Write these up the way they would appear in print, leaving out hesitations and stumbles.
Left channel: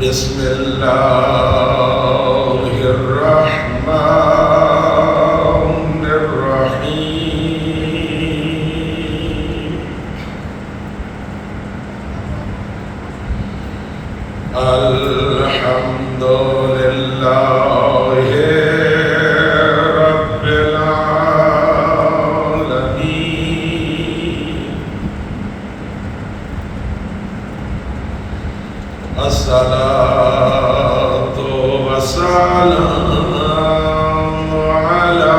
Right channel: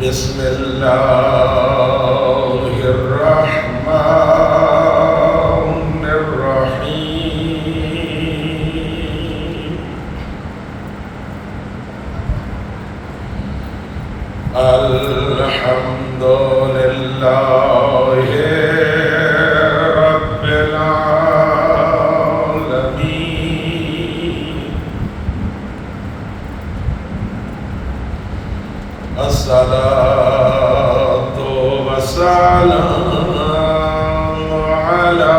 بسم الله الرحمن الرحيم الحمد لله رب العالمين الصلاة والسلام على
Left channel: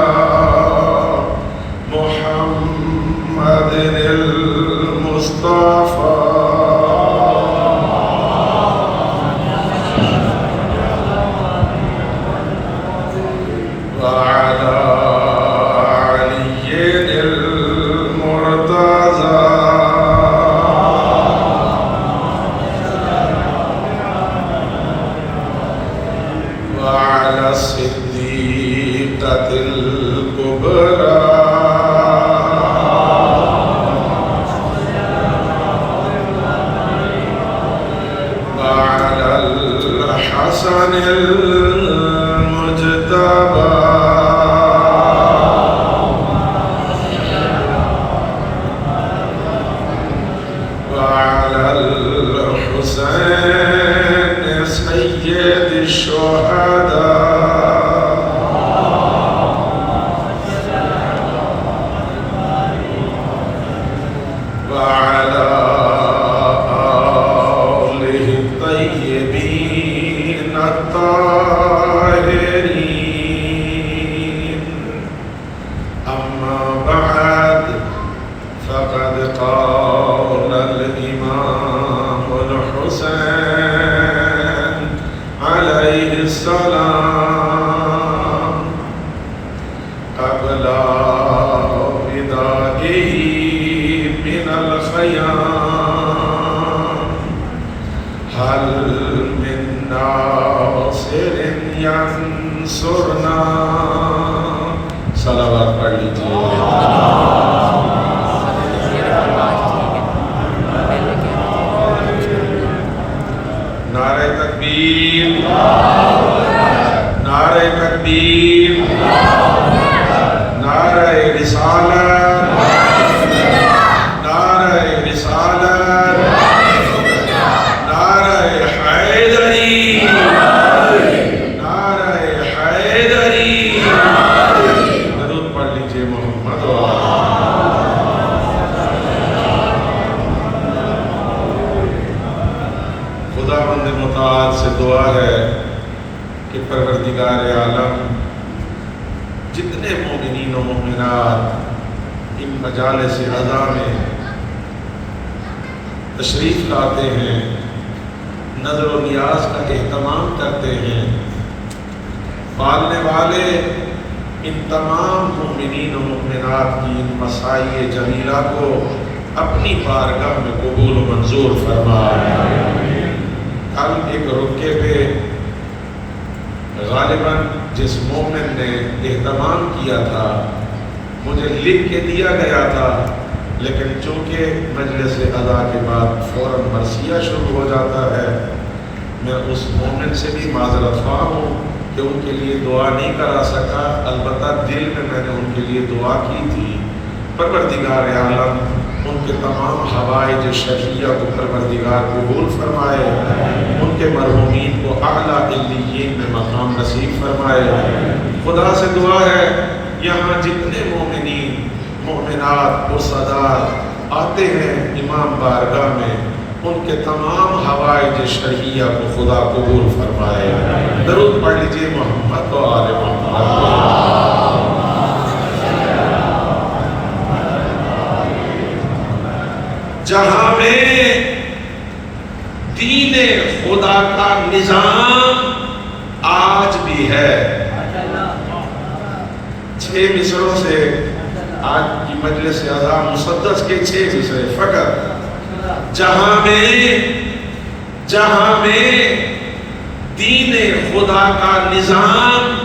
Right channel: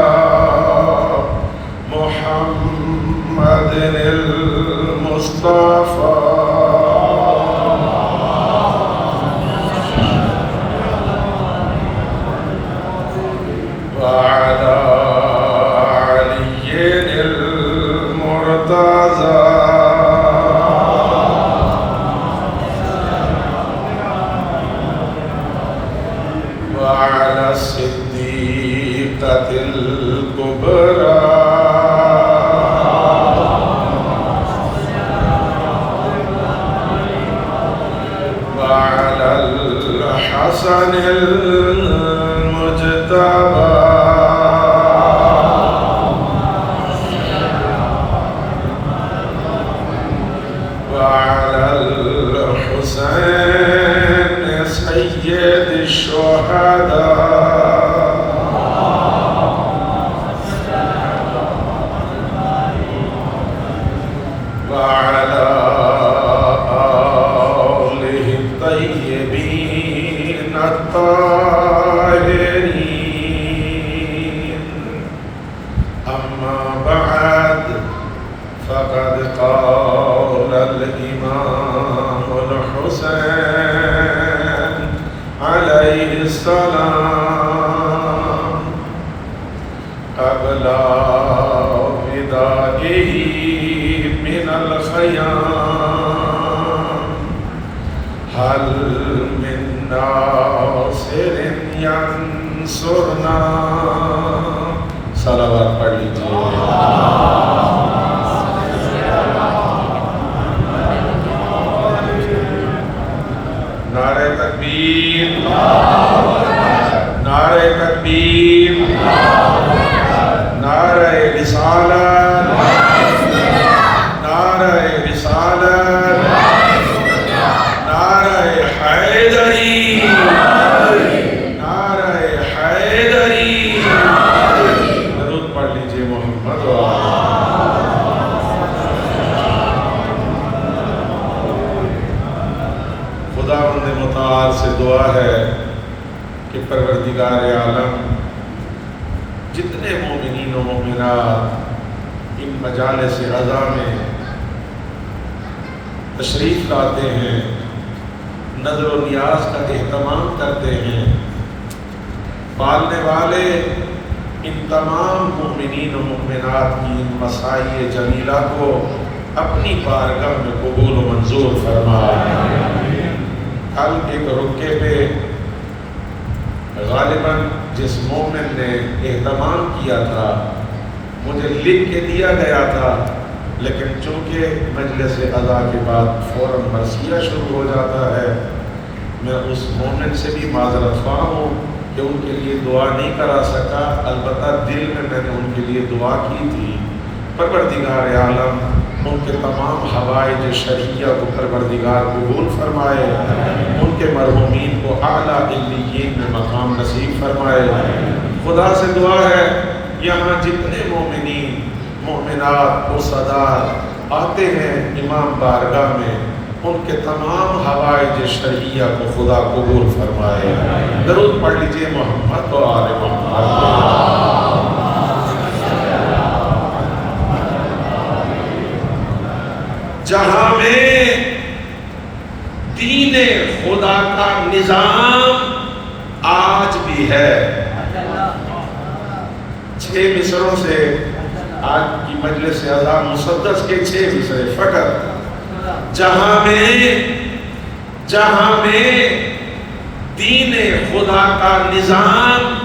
محمد المصطفى وعلى علي المرتضى وعلى الصديقة الكبرى وعلى الحسن المجتبى وعلى الحسين سيد الشهداء وعلى آله الطيبين الطاهرين أما بعد فقد قال الإمام الحسين عليه السلام قبل وداعه من الخيام هل من ناصر ينصرنا صلوات پڑھ لیجیے نعرہ تکبیر نعرہ تکبیر نعرہ رسالت نعرہ رسالت نعرہ حیدری نعرہ حیدری درود پڑھ لیجیے محمد خداوند متعال سے دعا ہے کہ پروردگار عالم جتنے مومنین و مومنات ان مجالس رضا میں تشریف لاتے ہیں، نظر و نیاز کا اہتمام کرتے ہیں، پالنے والے ان تمام مومنین و مومنات کی ان مسائی جمیلہ کو اپنی بارگاہ میں قبول و منظور فرمائے۔ کل ایک رکے پہ غالباً جس مومن نے اہتمام کیا تھا مجھے لکھ کے دیا گیا تھا، لیکن چونکہ مجلس ادا کے بعد فوراً نصیحہ شروع ہو جاتا ہے، میں اس مومن سے بھی معذرت خواہ ہوں کہ ان کے لیے دعا نہیں کرا سکا، البتہ دل میں نے ان کے لیے دعا کی تھی۔ پروردگار عالم ان کے تمام حوائج شرعیہ کو پروردگار قبول فرمائے، ان کے مرحومین کو اعلیٰ علیین میں مقام نصیب فرمائے۔ خدا سے دعا ہے یہاں جتنے مومنین مومنات عزادار آتے ہیں امام بارگاہ میں، ان کے تمام حوائج شرعیہ کو خدا قبول فرمائے۔ درود پڑھ لیجیے محمد و آل محمد۔ جہاں میں دین خدا کا نظام آج بھی ہے، 6 مصروں سے آج کی مجلس اعظام مسدس کے 6 مصرے فقط۔ جہاں میں دین خدا کا نظام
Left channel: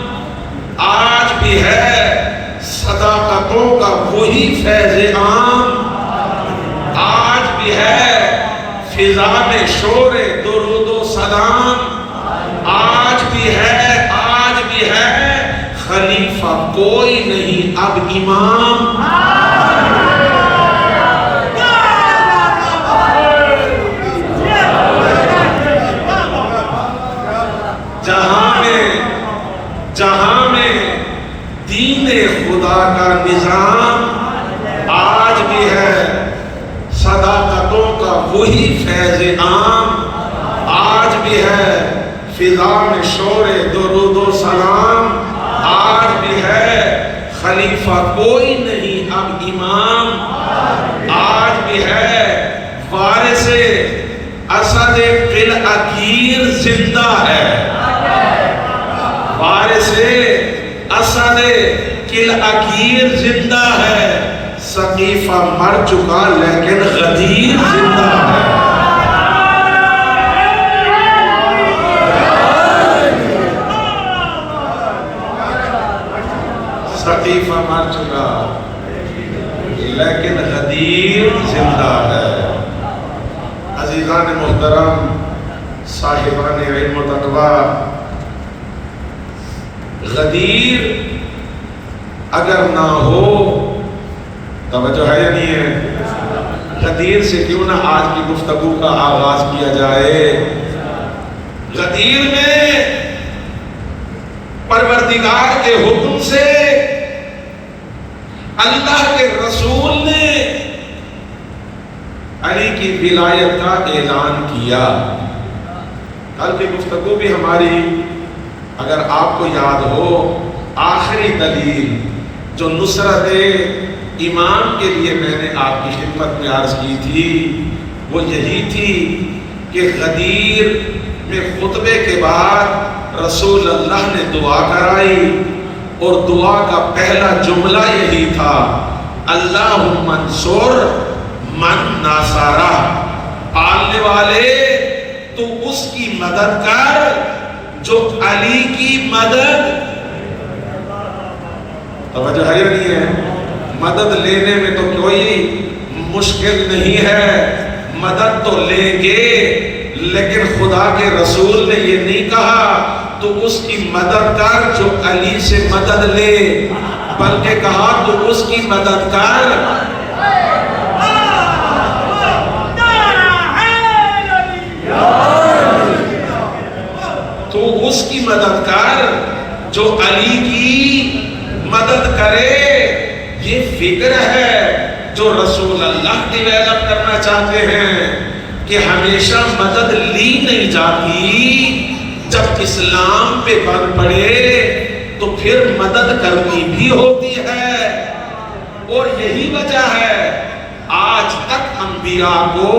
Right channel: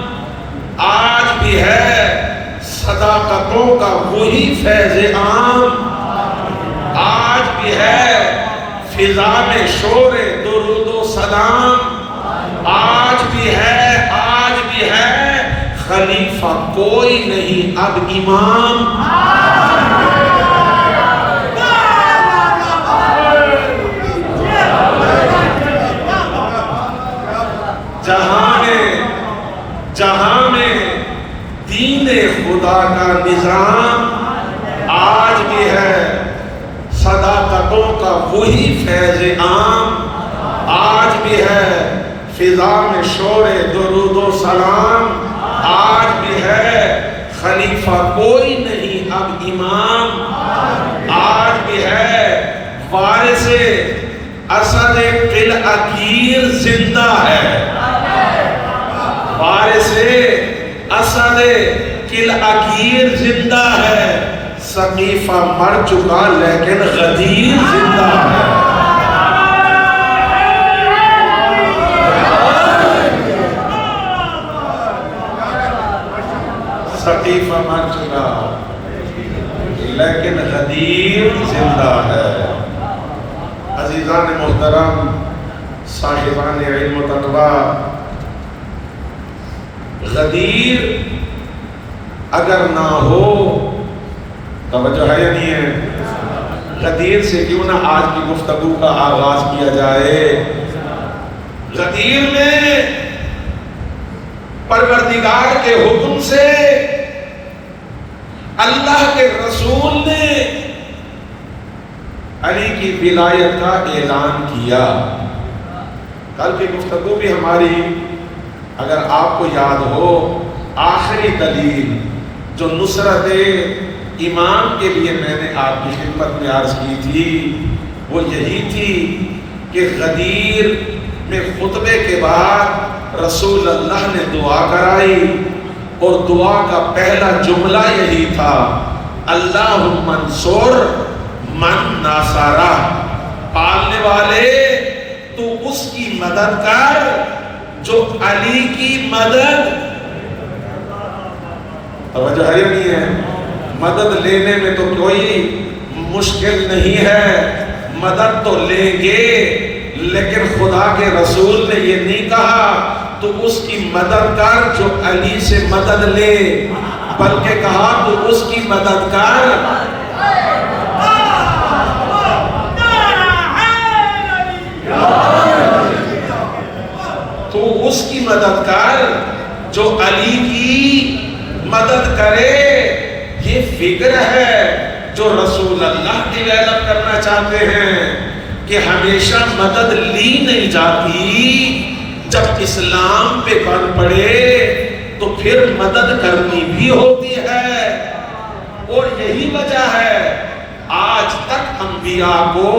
آج بھی ہے، صداقتوں کا وہی فیض عام آج بھی ہے، فضا میں شور درود و سلام آج بھی ہے، آج بھی ہے، خلیفہ کوئی نہیں اب امام۔ جہاں میں دین خدا کا نظام آج بھی ہے، صداقتوں کا وہی فیض عام آج بھی ہے، فضا میں شور درود و سلام آج بھی ہے، خلیفہ کوئی نہیں اب امام آج بھی ہے، وارث اسد قلعہ زندہ ہے، وارث اسد قلعہ زندہ ہے، سقیفہ مر چکا لیکن غدیر زندہ ہے۔ سقیفہ مر چکا لیکن غدیر زندہ ہے۔ عزیزان محترم، صاحبان علم و تقویٰ، غدیر اگر نہ ہو، توجہ ہے یا نہیں ہے؟ غدیر سے کیوں نہ آج کی گفتگو کا آغاز کیا جائے۔ غدیر میں پروردگار کے حکم سے اللہ کے رسول نے علی کی ولایت کا اعلان کیا۔ کل کی گفتگو بھی ہماری اگر آپ کو یاد ہو، آخری دلیل جو نصرت امام کے لیے میں نے آپ کی خدمت میں عرض کی تھی وہ یہی تھی کہ غدیر میں خطبے کے بعد رسول اللہ نے دعا کرائی، اور دعا کا پہلا جملہ یہی تھا، اللہم انصر من ناصرہ، پالنے والے تو اس کی مدد کر جو علی کی مدد۔ توجہ ہے نہیں ہے؟ مدد لینے میں تو کوئی مشکل نہیں ہے، مدد تو لیں گے، لیکن خدا کے رسول نے یہ نہیں کہا تو اس کی مدد کر جو علی سے مدد لے، بلکہ کہا تو اس کی مدد کر تو اس کی مدد کر جو علی کی مدد کرے۔ یہ فکر ہے جو رسول اللہ ڈیولپ کرنا چاہتے ہیں کہ ہمیشہ مدد لی نہیں جاتی، جب اسلام پہ بن پڑے تو پھر مدد کرنی بھی ہوتی ہے۔ اور یہی وجہ ہے آج تک انبیاء کو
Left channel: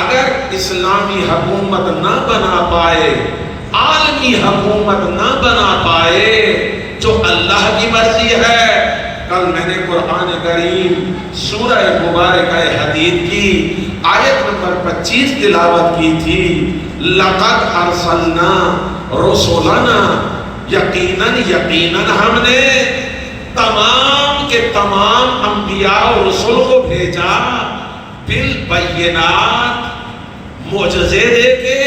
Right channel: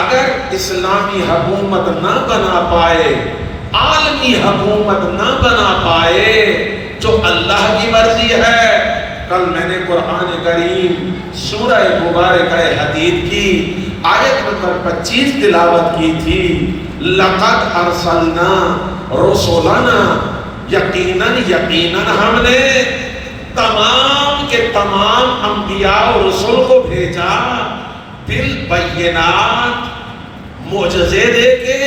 اگر اسلامی حکومت نہ بنا پائے، عالمی حکومت نہ بنا پائے، جو اللہ کی مرضی ہے۔ کل میں نے قرآن کریم سورہ مبارکہ حدید کی آیت نمبر 25 تلاوت کی تھی، لَقَدْ أَرْسَلْنَا رُسُلَنَا، یقیناً ہم نے تمام کے تمام انبیاء و رسول کو بھیجا، بالبینات، معجزے دے کے،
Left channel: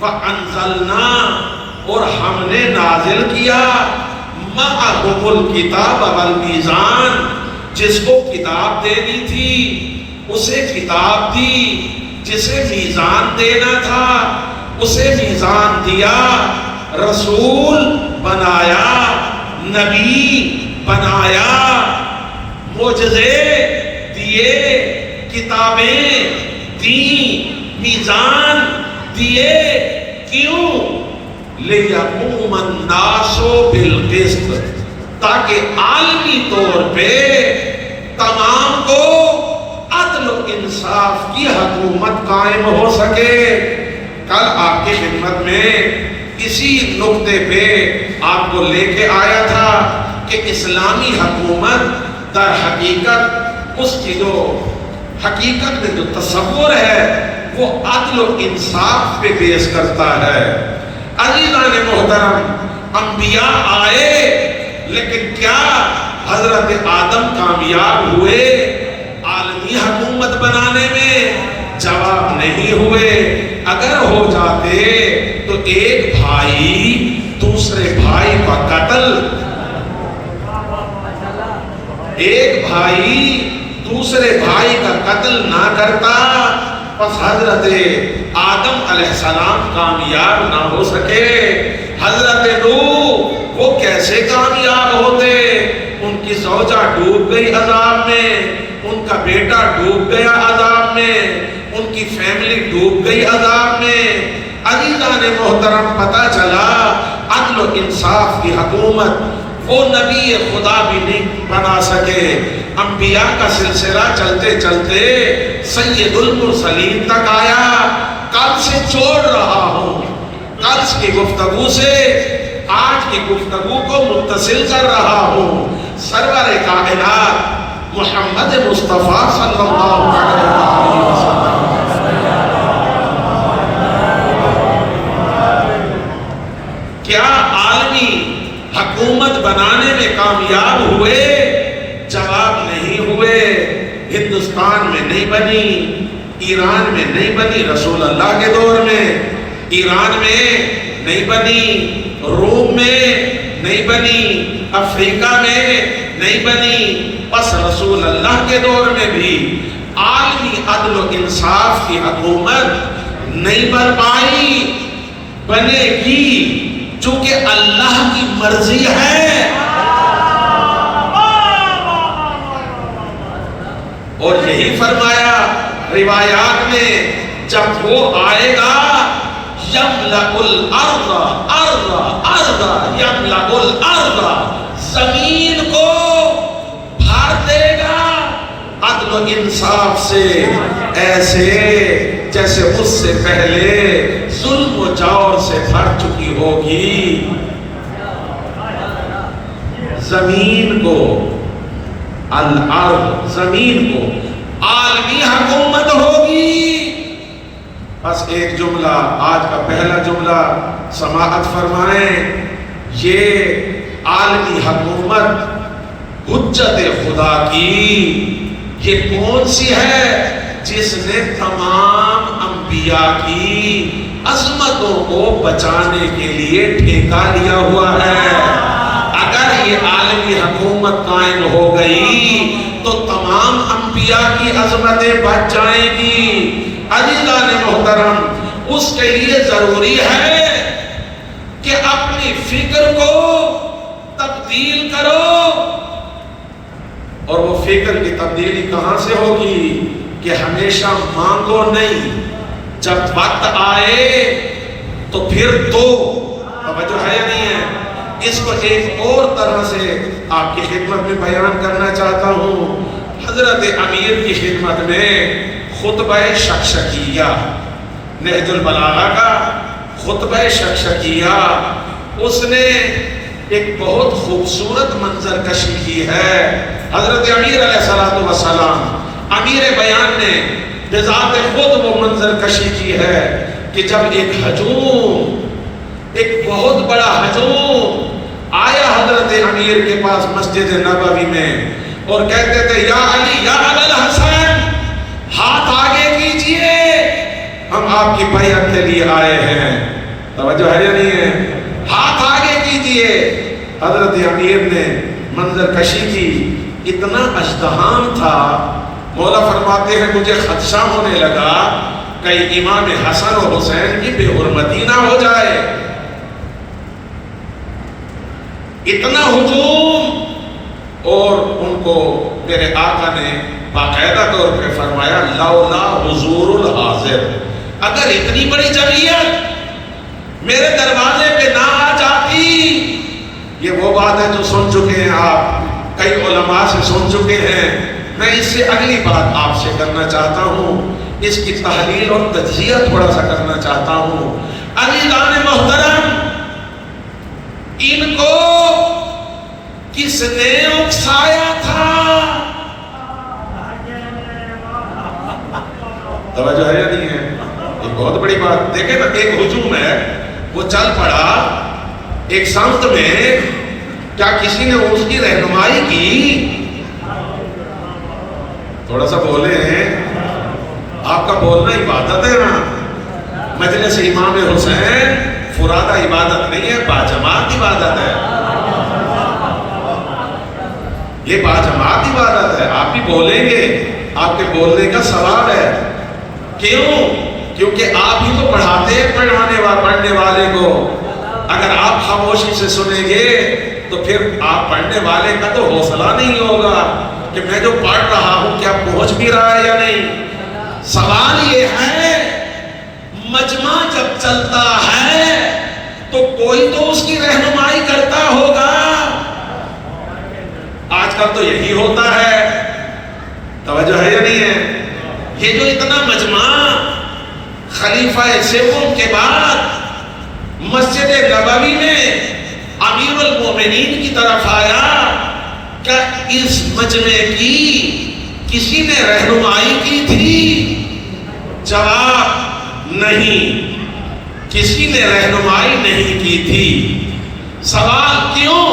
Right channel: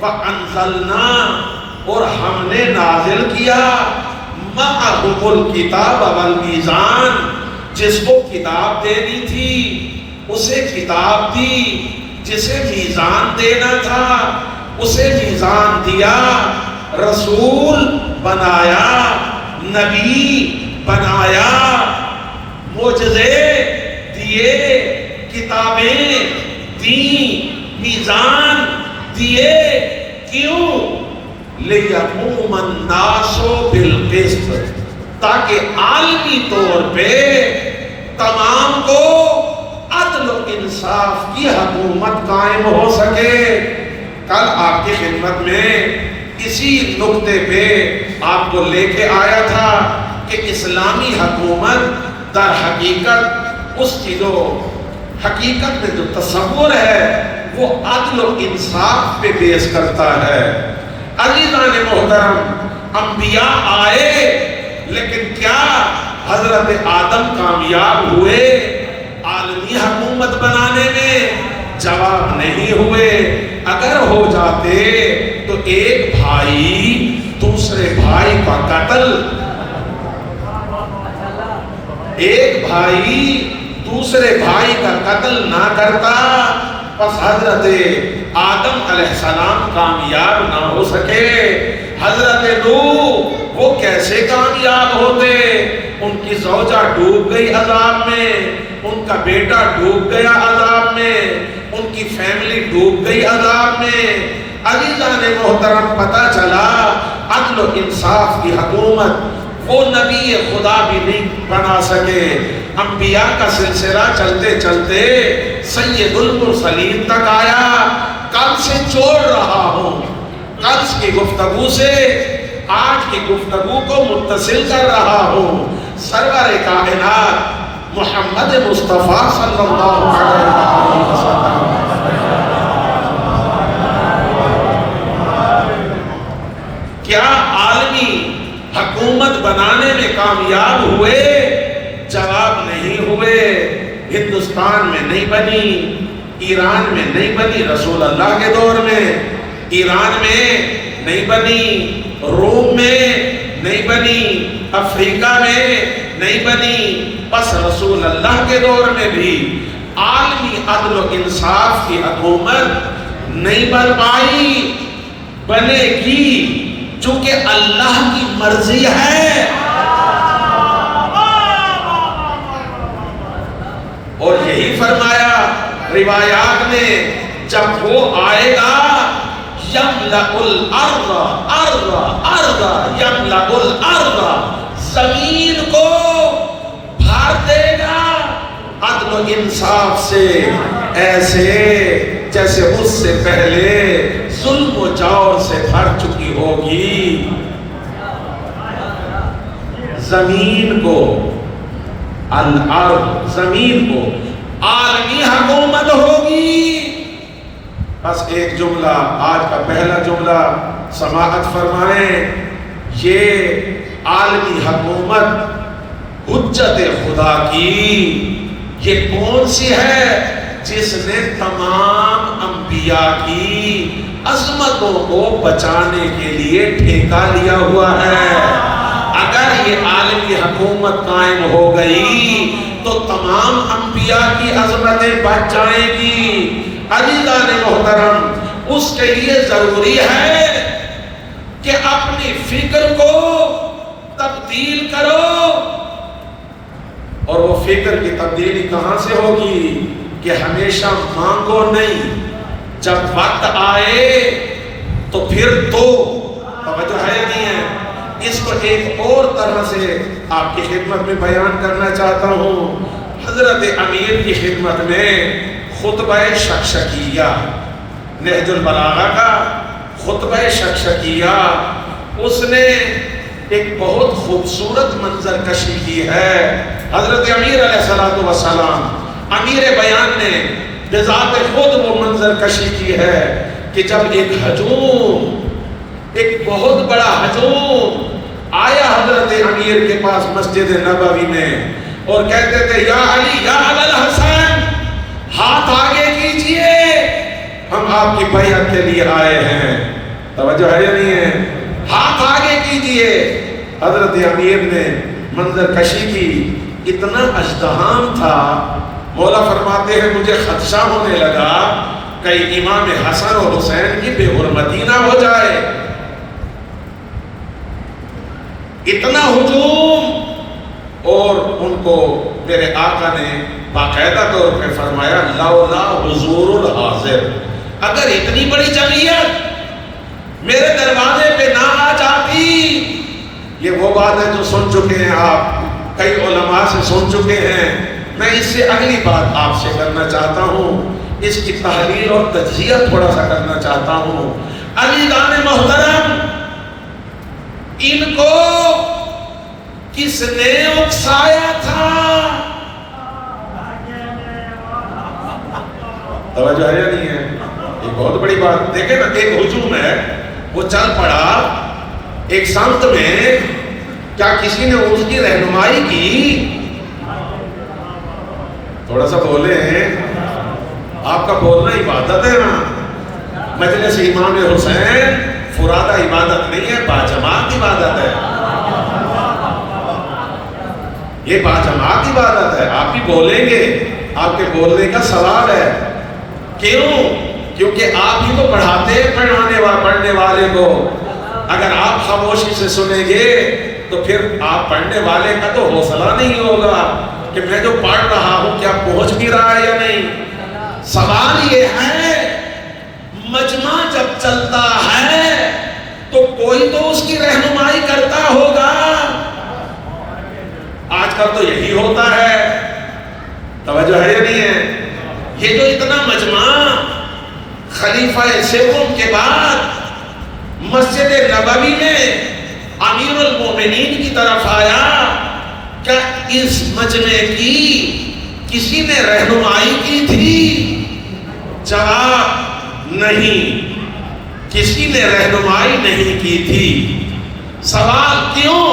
وَأَنزَلْنَا، اور ہم نے نازل کیا، مَعَهُمُ الْكِتَابَ وَالْمِيزَانَ، جس کو کتاب دینی تھی اسے کتاب دی، جسے میزان دینا تھا اسے میزان دیا، رسول بنایا، نبی بنایا، معجزے دیے، کتابیں دیں، میزان دیے۔ کیوں؟ لِيَقُومَ النَّاسُ بِالْقِسْطِ، تاکہ عالمی طور پہ تمام کو عدل و انصاف کی حکومت قائم ہو سکے۔ کل آپ کی خدمت میں اسی نقطے پہ آپ کو لے کے آیا تھا کہ اسلامی حکومت در حقیقت اس کی جو حقیقت میں جو تصور ہے وہ عدل و انصاف پہ بیس کرتا ہے۔ عزیزان محترم، انبیاء آئے لیکن کیا حضرت آدم کامیاب ہوئے عالمی حکومت بنانے میں؟ جواب نہیں ہوئے۔ اگر ہو جاتے تو ایک بھائی دوسرے بھائی کا قتل، ایک بھائی دوسرے بھائی کا قتل نہ کرتا، پس حضرت آدم علیہ السلام کامیاب نہ ہو سکے۔ حضرت نوح وہ کیسے کامیاب ہوتے؟ ان کی زوجہ ڈوب گئی عذاب میں، ان کا بیٹا ڈوب گیا عذاب میں، ان کی فیملی ڈوب گئی عذاب میں۔ عزیزان محترم، پتہ چلا عدل و انصاف کی حکومت وہ نبی خدا بھی نہیں بنا سکے۔ انبیاء کا سلسلہ چلتے چلتے سید المرسلین تک آیا۔ کل سے چھوڑ رہا ہوں، کل کی گفتگو سے آج کی گفتگو کو متصل کر رہا ہوں۔ سرور کائنات محمد مصطفیٰ صلی اللہ علیہ وسلم کیا عالمی حکومت بنانے میں کامیاب ہوئے؟ جواب نہیں ہوئے۔ ہندوستان میں نہیں بنی، ایران میں نہیں بنی رسول اللہ کے دور میں، ایران میں نہیں بنی، روم میں نہیں بنی، افریقہ میں نہیں بنی، بس رسول اللہ کے دور میں بھی عالمی عدل و انصاف کی حکومت نہیں بن پائی۔ بنے گی چونکہ اللہ کی مرضی ہے، اور یہی فرمایا روایات میں، جب وہ آئے گا یملأ الارض ارض ارض یملأ الارض، زمین کو بھر دے گا عدل و انصاف سے، ایسے جیسے اس سے پہلے ظلم و جور سے بھر چکی ہوگی۔ زمین کو، الارض زمین کو عالمی حکومت ہوگی۔ بس ایک جملہ، آج کا پہلا جملہ سماعت فرمائیں۔ یہ عالمی حکومت حجت خدا کی یہ کون سی ہے؟ جس نے تمام انبیاء کی عظمتوں کو بچانے کے لیے ٹھیکہ لیا ہوا ہے۔ اگر یہ عالمی حکومت قائم ہو گئی تو تمام انبیاء کی عظمتیں بچ جائیں گی۔ عزیزان محترم، اس کے لیے ضروری ہے کہ اپنی فکر کو تبدیل کرو، اور وہ فکر کی تبدیلی کہاں سے ہوگی؟ کہ ہمیشہ مانگو نہیں، جب وقت آئے تو پھر تو توجہ ہے نہیں ہے۔ اس کو ایک اور طرح سے آپ کی خدمت میں بیان کرنا چاہتا ہوں۔ حضرت امیر کی خدمت میں خطبہ شکشکیہ، نہج البلاغہ کا خطبہ شکشکیہ، اس نے ایک بہت خوبصورت منظر کشی کی ہے۔ حضرت امیر علیہ السلام، امیر بیان نے بذات خود وہ منظر کشی کی ہے کہ جب ایک ہجوم، ایک بہت بڑا ہجوم آیا حضرت امیر کے پاس مسجد نبوی میں اور کہتے تھے، یا علی، یا ابا الحسن، ہاتھ آگے کیجئے، ہم آپ کی بیعت کے لیے آئے ہیں۔ توجہ ہے نہیں ہے؟ ہاتھ آگے کیجئے۔ حضرت امیر نے منظر کشی کی، اتنا ازدحام تھا، مولا فرماتے ہیں مجھے خدشہ ہونے لگا کہیں امام حسن اور حسین کی بے حرمتی نہ ہو جائے. اتنا ہجوم. اور ان کو میرے آقا نے باقاعدہ طور پہ فرمایا لولا حضور الحاضر، اگر اتنی بڑی جمعیت میرے دروازے پہ نہ آ جاتی. یہ وہ بات ہے جو سن چکے ہیں آپ، کئی علماء سے سن چکے ہیں. میں اس سے اگلی بات آپ سے کرنا چاہتا ہوں، اس کی تحریر اور تجزیہ تھوڑا سا کرنا چاہتا ہوں. علی جان محترم، ان کو کس نے اکسایا تھا؟ توجہ ہے یا نہیں ہے؟ یہ بہت بڑی بات. دیکھیں نا، ایک ہجوم ہے وہ چل پڑا ایک سمت میں، کیا کسی نے اس کی رہنمائی کی؟ تھوڑا سا بولے ہیں، آپ کا بولنا عبادت ہے نا. مجلس امام حسین فرادہ عبادت نہیں ہے، باجماعت عبادت ہے. یہ باجماعت عبادت ہے. آپ بھی بولیں گے، آپ کے بولنے کا سوال ہے. کیوں؟ کیونکہ آپ ہی تو پڑھاتے ہیں پڑھنے والے کو. اگر آپ خاموشی سے سنیں گے تو پھر آپ پڑھنے والے کا تو حوصلہ نہیں ہوگا کہ میں جو پڑھ رہا ہوں کیا پہنچ بھی رہا ہے یا نہیں. سوال یہ ہے، مجمع جب چلتا ہے تو کوئی تو اس کی رہنمائی کرتا ہوگا. آج کل تو یہی ہوتا ہے. توجہ ہے یا نہیں ہے؟ یہ جو اتنا مجمع خلیفہ سوم کے بعد مسجد نبوی میں امیر المومنین کی طرف آیا، کیا اس مجمع کی کسی نے رہنمائی کی تھی؟ جواب نہیں، کسی نے رہنمائی نہیں کی تھی. سوال کیوں؟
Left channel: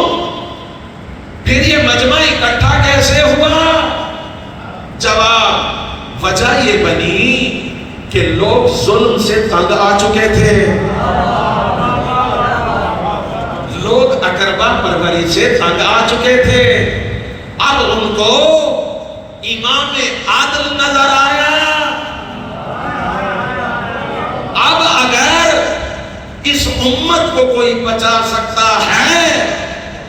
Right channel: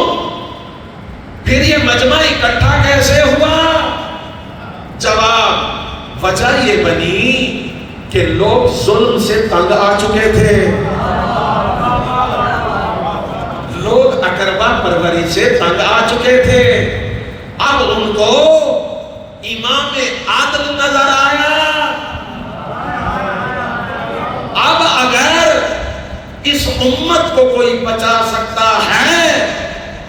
پھر یہ مجمع اکٹھا کیسے ہوا؟ جواب، وجہ یہ بنی کہ لوگ ظلم سے تنگ آ چکے تھے، لوگ اقربا پروری سے تنگ آ چکے تھے. اب ان کو امام عادل نظر آیا. اب اگر اس امت کو کوئی بچا سکتا ہے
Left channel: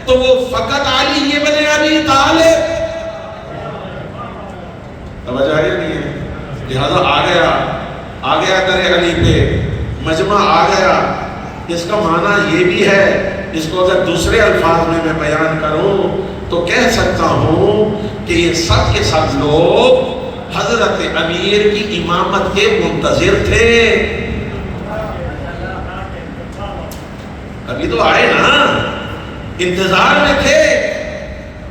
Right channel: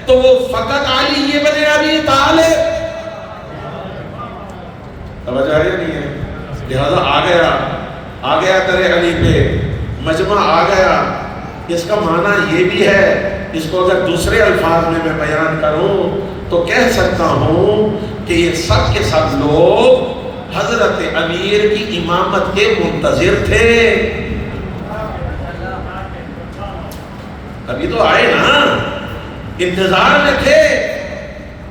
تو وہ فقط علی ابن ابی طالب. توجہ ہے نہیں ہے؟ لہذا آ گیا درے علی پہ مجمع آ گیا. اس کا معنی یہ بھی ہے، اس کو اگر دوسرے الفاظ میں بیان کروں تو کہہ سکتا ہوں کہ یہ سب کے سب لوگ حضرت امیر کی امامت کے منتظر تھے. ابھی تو آئے نا، انتظار میں تھے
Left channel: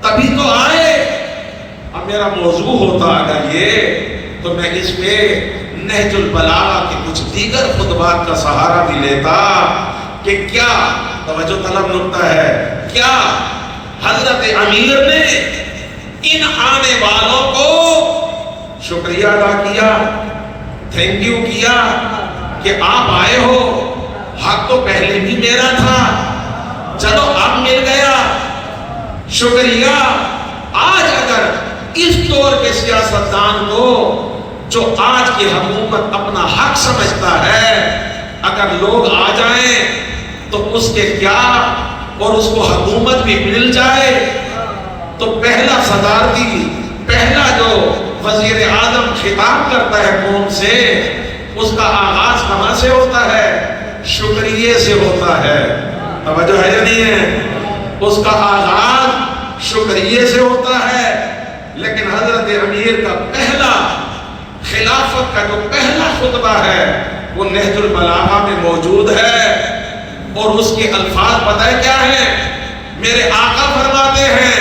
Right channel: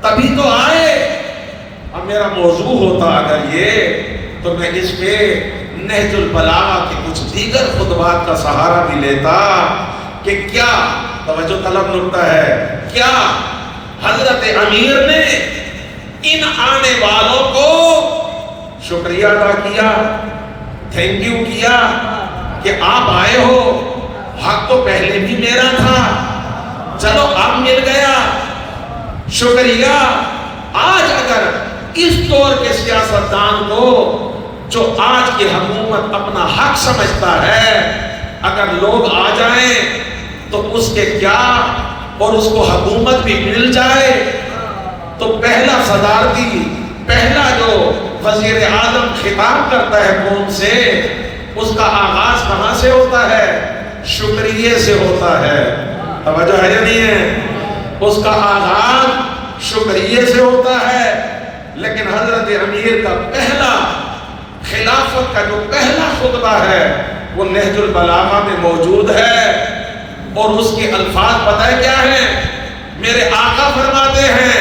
تبھی تو آئے. اب میرا موضوع ہوتا اگر یہ تو میں اس پہ نہج البلاغہ کے کچھ دیگر خطبات کا سہارا بھی لیتا کہ کیا توجہ طلب نکتہ ہے، کیا حضرت امیر نے ان آنے والوں کو شکریہ ادا کیا، تھینک یو کیا کہ آپ آئے ہو، حق تو پہلے بھی میرا تھا، چلو اب مل گیا، شکریہ. آج اگر اس طور کے سیاستدان کو جو آج کی حکومت اپنا حق سمجھتا ہے، اگر لوگ آ جائیں تو اس کے کیا اور اس کو حکومت بھی مل جائے تو پہلا صدارتی، پہلا جو وزیر اعظم خطاب کرتا ہے قوم سے، اس کا آغاز کہاں سے ہوتا ہے؟ شکریہ سے ہوتا ہے. توجہ ہے نہیں ہے؟ اس کا آغاز شکریہ سے ہوتا ہے. لیکن حضرت امیر کا پہلا خلافت کا جو پہلا خطبہ ہے وہ نہج البلاغہ میں موجود ہے، اور اس کے الفاظ پتہ ہے کیا ہیں؟ میرے آقا فرماتے ہیں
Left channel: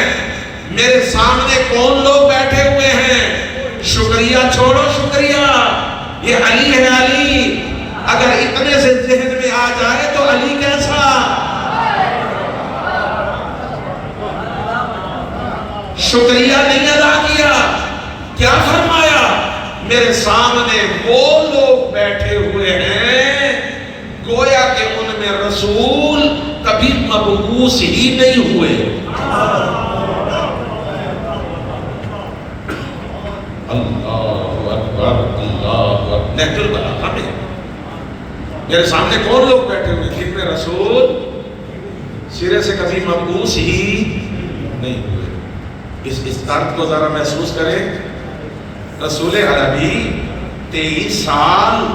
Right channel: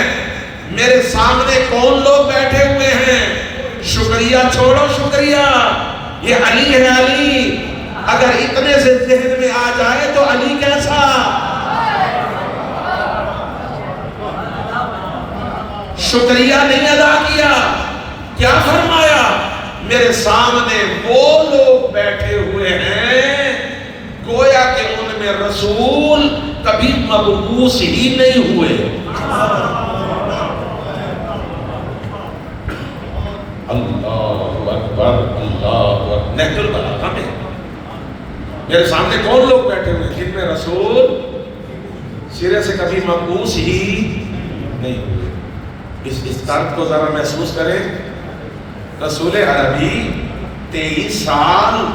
میرے سامنے کون لوگ بیٹھے ہوئے ہیں، شکریہ چھوڑو شکریہ، یہ علی ہے. علی اگر اتنے سے ذہن میں آ جائے تو علی کیسا؟ شکریہ نہیں ادا کیا. کیا فرمایا؟ میرے سامنے وہ لوگ بیٹھے ہوئے ہیں گویا کہ ان میں رسول کبھی مبعوث ہی نہیں ہوئے. اللہ میرے سامنے کون لوگ بیٹھے ہوئے جن میں رسول سرے سے کبھی مقبوس ہی نہیں ہوئے؟ اس درد کو ذرا محسوس کریں. رسول عربی 23 سال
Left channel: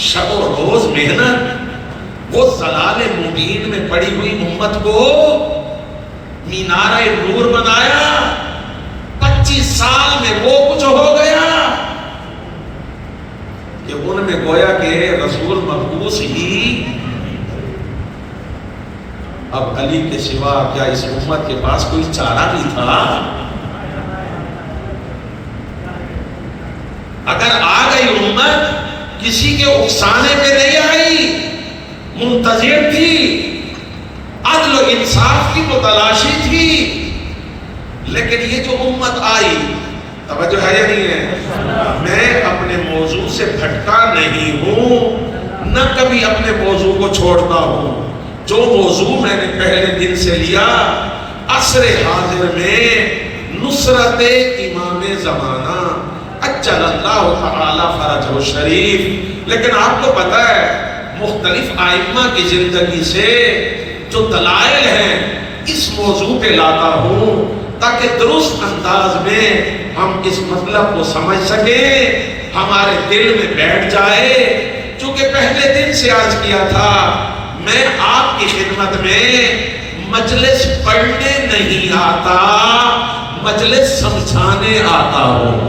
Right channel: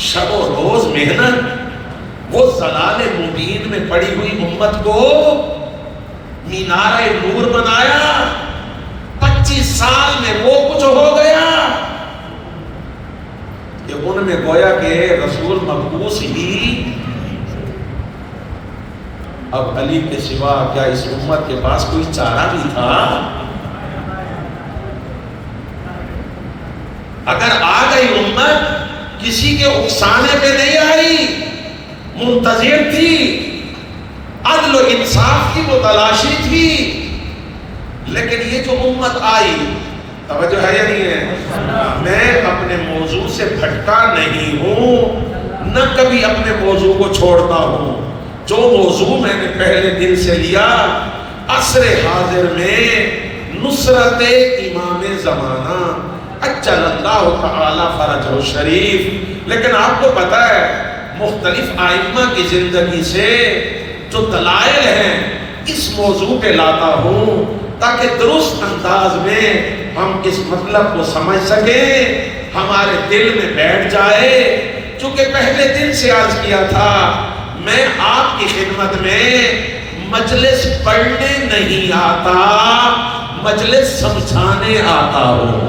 شب و روز محنت، وہ ضلال مبین میں پڑی ہوئی امت کو مینار نور بنایا. 25 سال میں وہ کچھ ہو گیا کہ ان میں گویا کہ رسول مقبوس ہی. اب علی کے سوا کیا اس امت کے پاس کوئی چارہ نہیں تھا؟ اگر آ گئی امت کسی کے اکسانے پہ نہیں آئی، منتظر تھی، عدل و انصاف کی تو تلاشی تھی. لیکن یہ جو امت آئی، توجہ ہے یا نہیں ہے؟ میں اپنے موضوع سے بھٹکا نہیں ہوں، نہ کبھی اپنے موضوع کو چھوڑتا ہوں. جو موضوع میں نے پہلے دن سے لیا، عصر حاضر میں نصرت امام زمانہ اجل اللہ تعالی فرجہ شریف. لیکن آپ کو پتا ہے مختلف ائمہ کی زندگی سے جو دلائل ہیں اس موضوع پہ لاتا ہوں تاکہ درست انداز میں ہم اس مطلب کو سمجھ سکیں، ہمارے دل میں بیٹھ جائے. چونکہ پہلے دن سے عرض کیا تھا میں آپ کی خدمت میں مجلس پڑھنے نہیں آتا، مجلس سمجھانے آتا ہوں.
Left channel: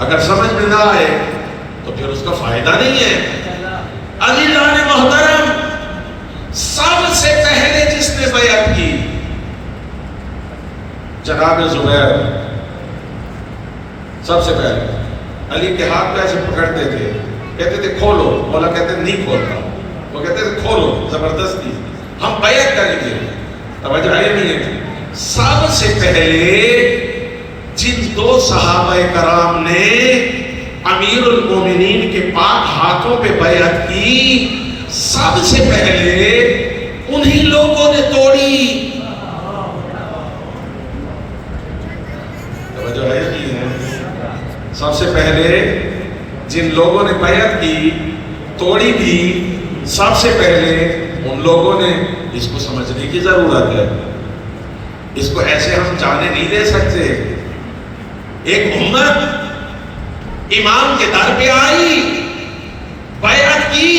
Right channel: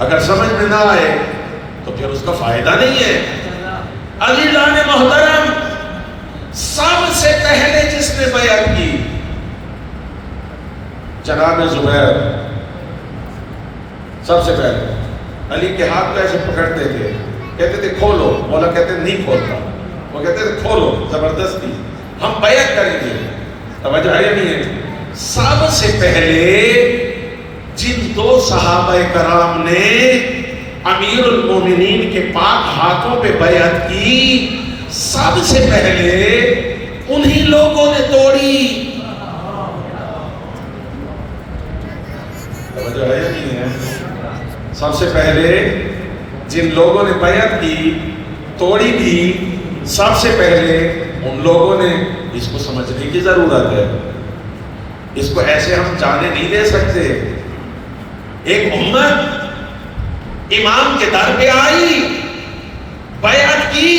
اگر سمجھ میں نہ آئے تو پھر اس کا فائدہ نہیں ہے. عزیزان محترم، سب سے پہلے جس نے بیعت کی جناب زبیر، سب سے پہلے علی کے ہاتھ پہ ایسے پکڑتے تھے، کہتے تھے کھولو، مولا کہتے نہیں کھولتا، وہ کہتے تھے کھولو زبردستی، ہم بیعت کریں گے. توجہ ہے نہیں ہے؟ سب سے پہلے جن 2 صحابہ کرام نے امیر المومنین کے پاک ہاتھوں پہ بیعت کی، سب سے پہلے انہی لوگوں نے توڑی. توجہ ہے نہیں ہے؟ سب سے پہلے جن لوگوں نے بیعت کی، توڑی بھی، سب سے پہلے ان لوگوں نے. اس کو سمجھنے کی ضرورت ہے، اس کو ایسے ہم جانے نہیں دے سکتے. ایک امت امام کے در پہ آئی، بیعت کی،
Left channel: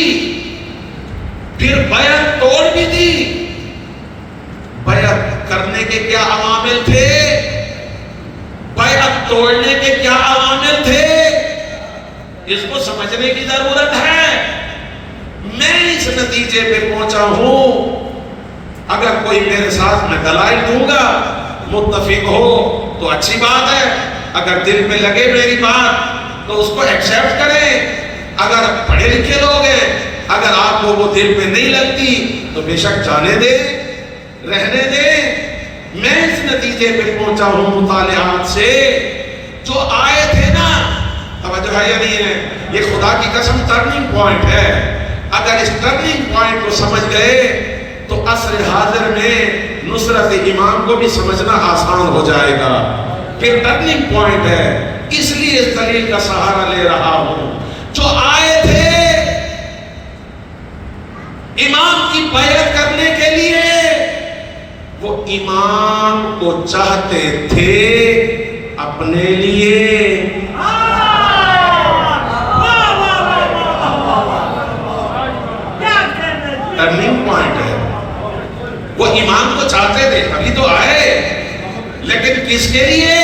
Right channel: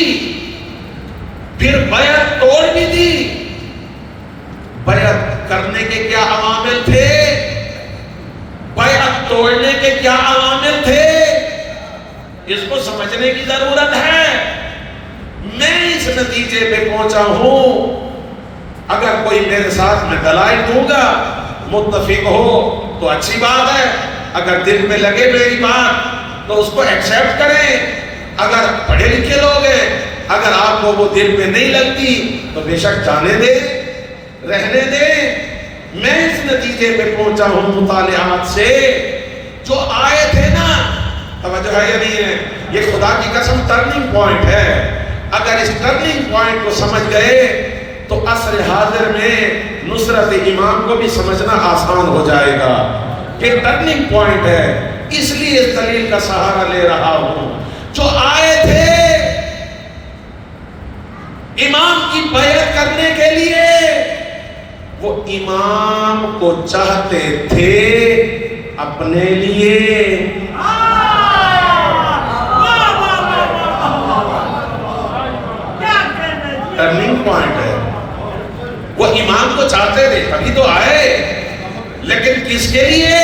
پھر بیعت توڑ بھی دی. بیعت کرنے کے کیا عوامل تھے، بیعت توڑنے کے کیا عوامل تھے، اس کو سمجھنے کی ضرورت ہے. میں اس نتیجے پہ پہنچا ہوں، اگر کوئی میرے ساتھ میں دلائل دوں گا متفق ہو تو اچھی بات ہے، اگر دل میں لگے میری بات تو اس کو ایکسیپٹ کریں. اگر پڑھے لکھے لوگ ہیں، اگر آپ کو وہ دل میں نہیں لگتی تو بے شک جانے دیں، رہنے دیں. میں اس نتیجے پہ پہنچا ہوں مطالعات سے. جو آئے تھے نا، توجہ ہے یا نہیں ہے؟ یہ خدا کی قسم ٹرننگ پوائنٹ ہے. اگر اس ٹرننگ پوائنٹ کو سمجھ گئے تو عصر حاضر میں نصرت امام کو بھی سمجھنا آسان ہو جائے گا. پھر ٹرننگ پوائنٹ ہے، اس لیے اس دلیل کا سہارا لے رہا ہوں. جو آئے تھے امام کی بیعت کرنے کے لیے، وہ امام کو چاہتے تھے اپنے لیے. ٹرننگ پوائنٹ ہے. وہ امام کو چاہتے تھے، ابھی تو آئے، لیکن کس کے لیے؟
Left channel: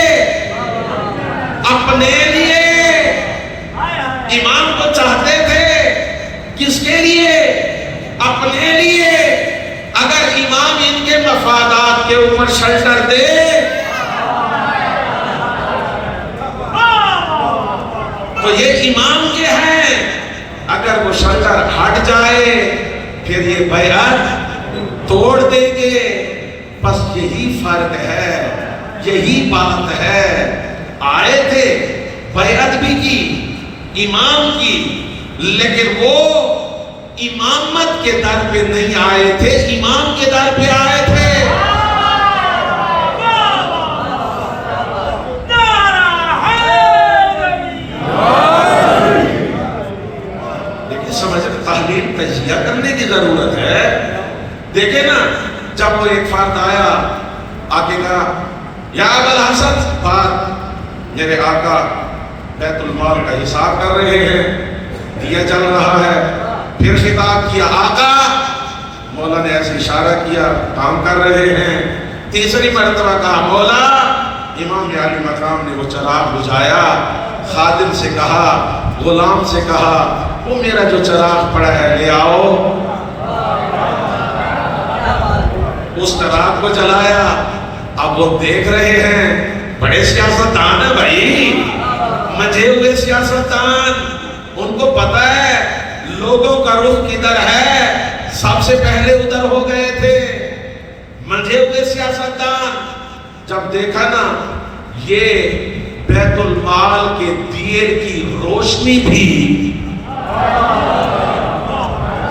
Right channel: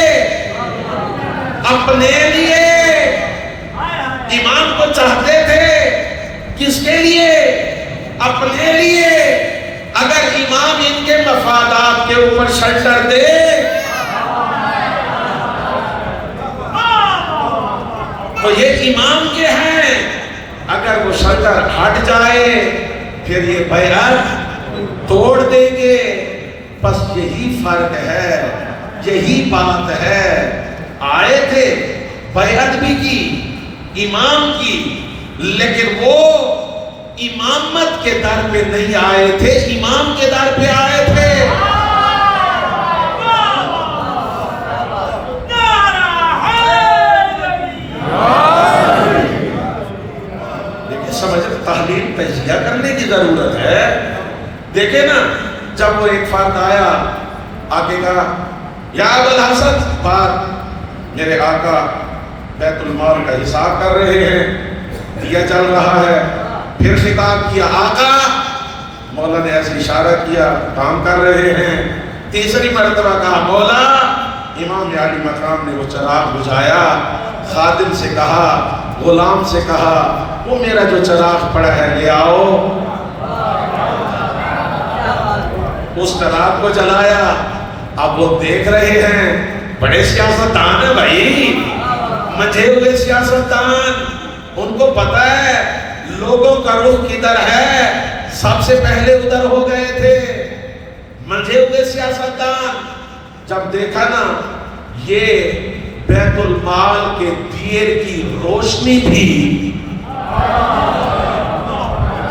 اپنے لیے. امام کو چاہتے تھے کس کے لیے؟ اپنے لیے. اگر امام ان کے مفادات کے اوپر شلٹر دے تو یہ امام کے ہیں، اگر وہ شلٹر ہٹ جائے پھر یہ بیعت توڑ دیں گے. بس یہی فرق ہے، یہی بات ہے. آئے تھے، بیعت بھی کی، امام کی، لیکن وہ امامت کے در پہ نہیں آئے تھے، امام کے در پہ آئے تھے. سمجھ تحلیل تجزیہ کرنے کی ضرورت ہے. دیکھیں نا جب وہ ایک فرد آیا آگے کہا یا ابوالحسن بات میرے آقا بیت المال کا حساب کر رہے ہیں دیا چل رہا ہے. پھر خطاب کیا آقا مولا نے ایسے اشارہ کیا کام کر رہے ہیں. تیسری مرتبہ کہا مولا امام عالی مقام نے وہ چراغ بجھایا. خادم سے کہا غلام سے کہا وہ میرا جو چراغ پڑا ہے لے آؤ. اس چراغ کو جلایا. اب وہ دیکھ رہے ہیں بڑے سیاستدان ہیں بھائی مجھے ہوئے سیاستدان. ان کو پتا ہے لوگوں کا رخ کدھر ہے سب سے پہلے ادھر ہو گئے تھے. مجھے ہوئے سیاستدان جب دیکھا نا یہ بیت المال کے دیے کی روشنی بھی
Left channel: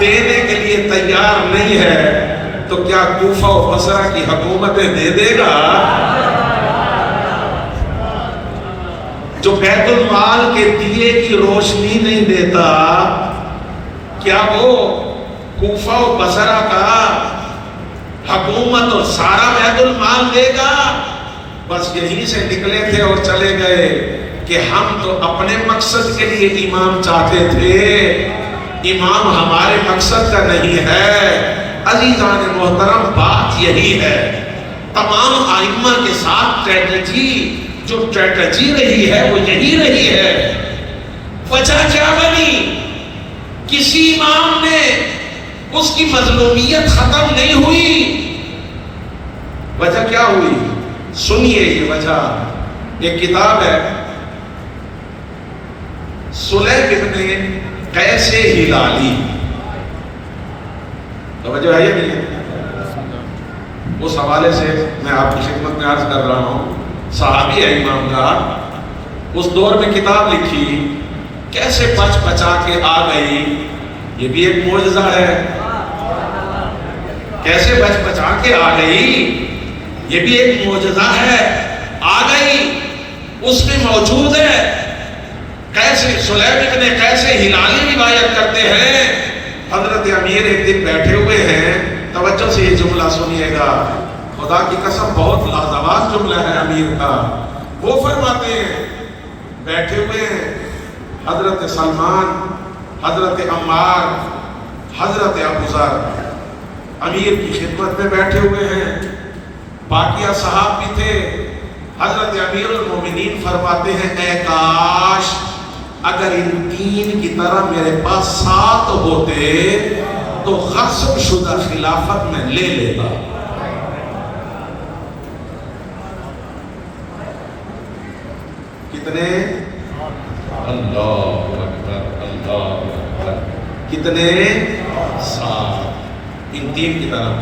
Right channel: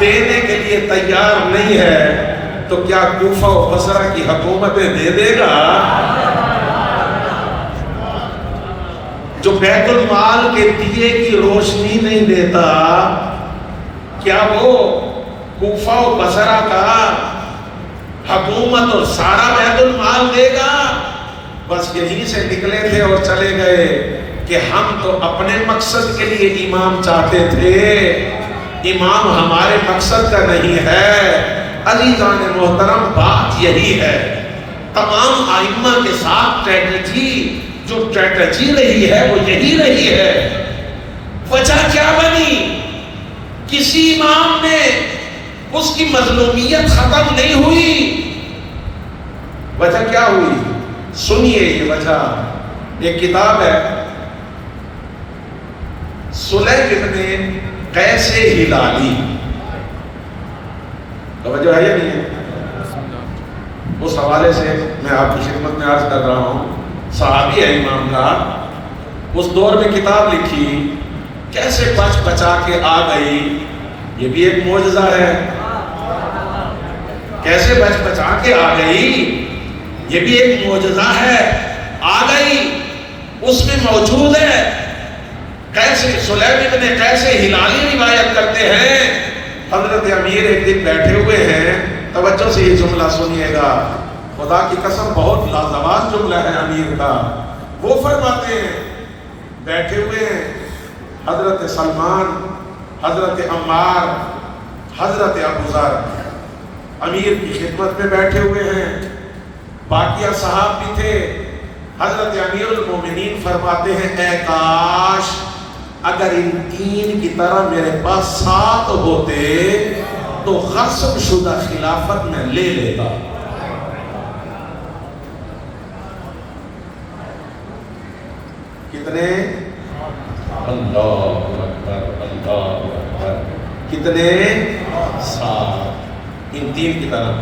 دینے کے لیے تیار نہیں ہے تو کیا کوفہ و بصرہ کی حکومتیں دے دے گا؟ جو بیت المال کے دیے کی روشنی نہیں دیتا کیا وہ کوفہ و بصرہ کا حکومت اور سارا بیت المال دے گا؟ بس یہیں سے نکلے تھے اور چلے گئے کہ ہم تو اپنے مقصد کے لیے امام چاہتے تھے. امام ہمارے مقصد کا نہیں ہے. عزیزان محترم بات یہی ہے. تمام ائمہ کے ساتھ جو اسٹریٹجی رہی ہے وہ یہی رہی ہے. وجہ کیا بنی؟ کسی امام نے اس کی مظلومیت ختم نہیں ہوئی. وجہ کیا ہوئی؟ سنیے یہ وجہ. ایک کتاب ہے سلیح ابن قیس ہلالی. توجہ ہے یا نہیں؟ اس حوالے سے میں آپ کی خدمت میں عرض کر رہا ہوں. صحابی ہے امام کا. اس دور میں کتاب لکھی کیسے بچ بچا کے آ گئی. یہ بھی ایک معجزہ ہے. کیسے بچ بچا کے آ گئی یہ بھی ایک معجزہ ہے. آ گئی اس میں موجود ہے. کیسے سلیح ابن قیس ہلالی روایت کرتے ہیں حضرت امیر ایک دن بیٹھے ہوئے ہیں. توجہ سے یہ جملہ سنیے گا. خدا کی قسم بہت لازوال جملہ ہے امیر کا. وہ فرماتے ہیں بیٹھے ہوئے ہیں حضرت سلمان حضرت عمار حضرت ابو ذر امیر کی خدمت میں بیٹھے ہوئے ہیں. باقی صحاب بھی تھے. حضرت امیر المومنین فرماتے ہیں اے کاش اگر ان تین کی طرح میرے پاس 7 ہوتے تو غصب شدہ خلافت میں لے لیتا. کتنے؟ اللہ اکبر اللہ اکبر. کتنے؟ 7. ان تین کی طرح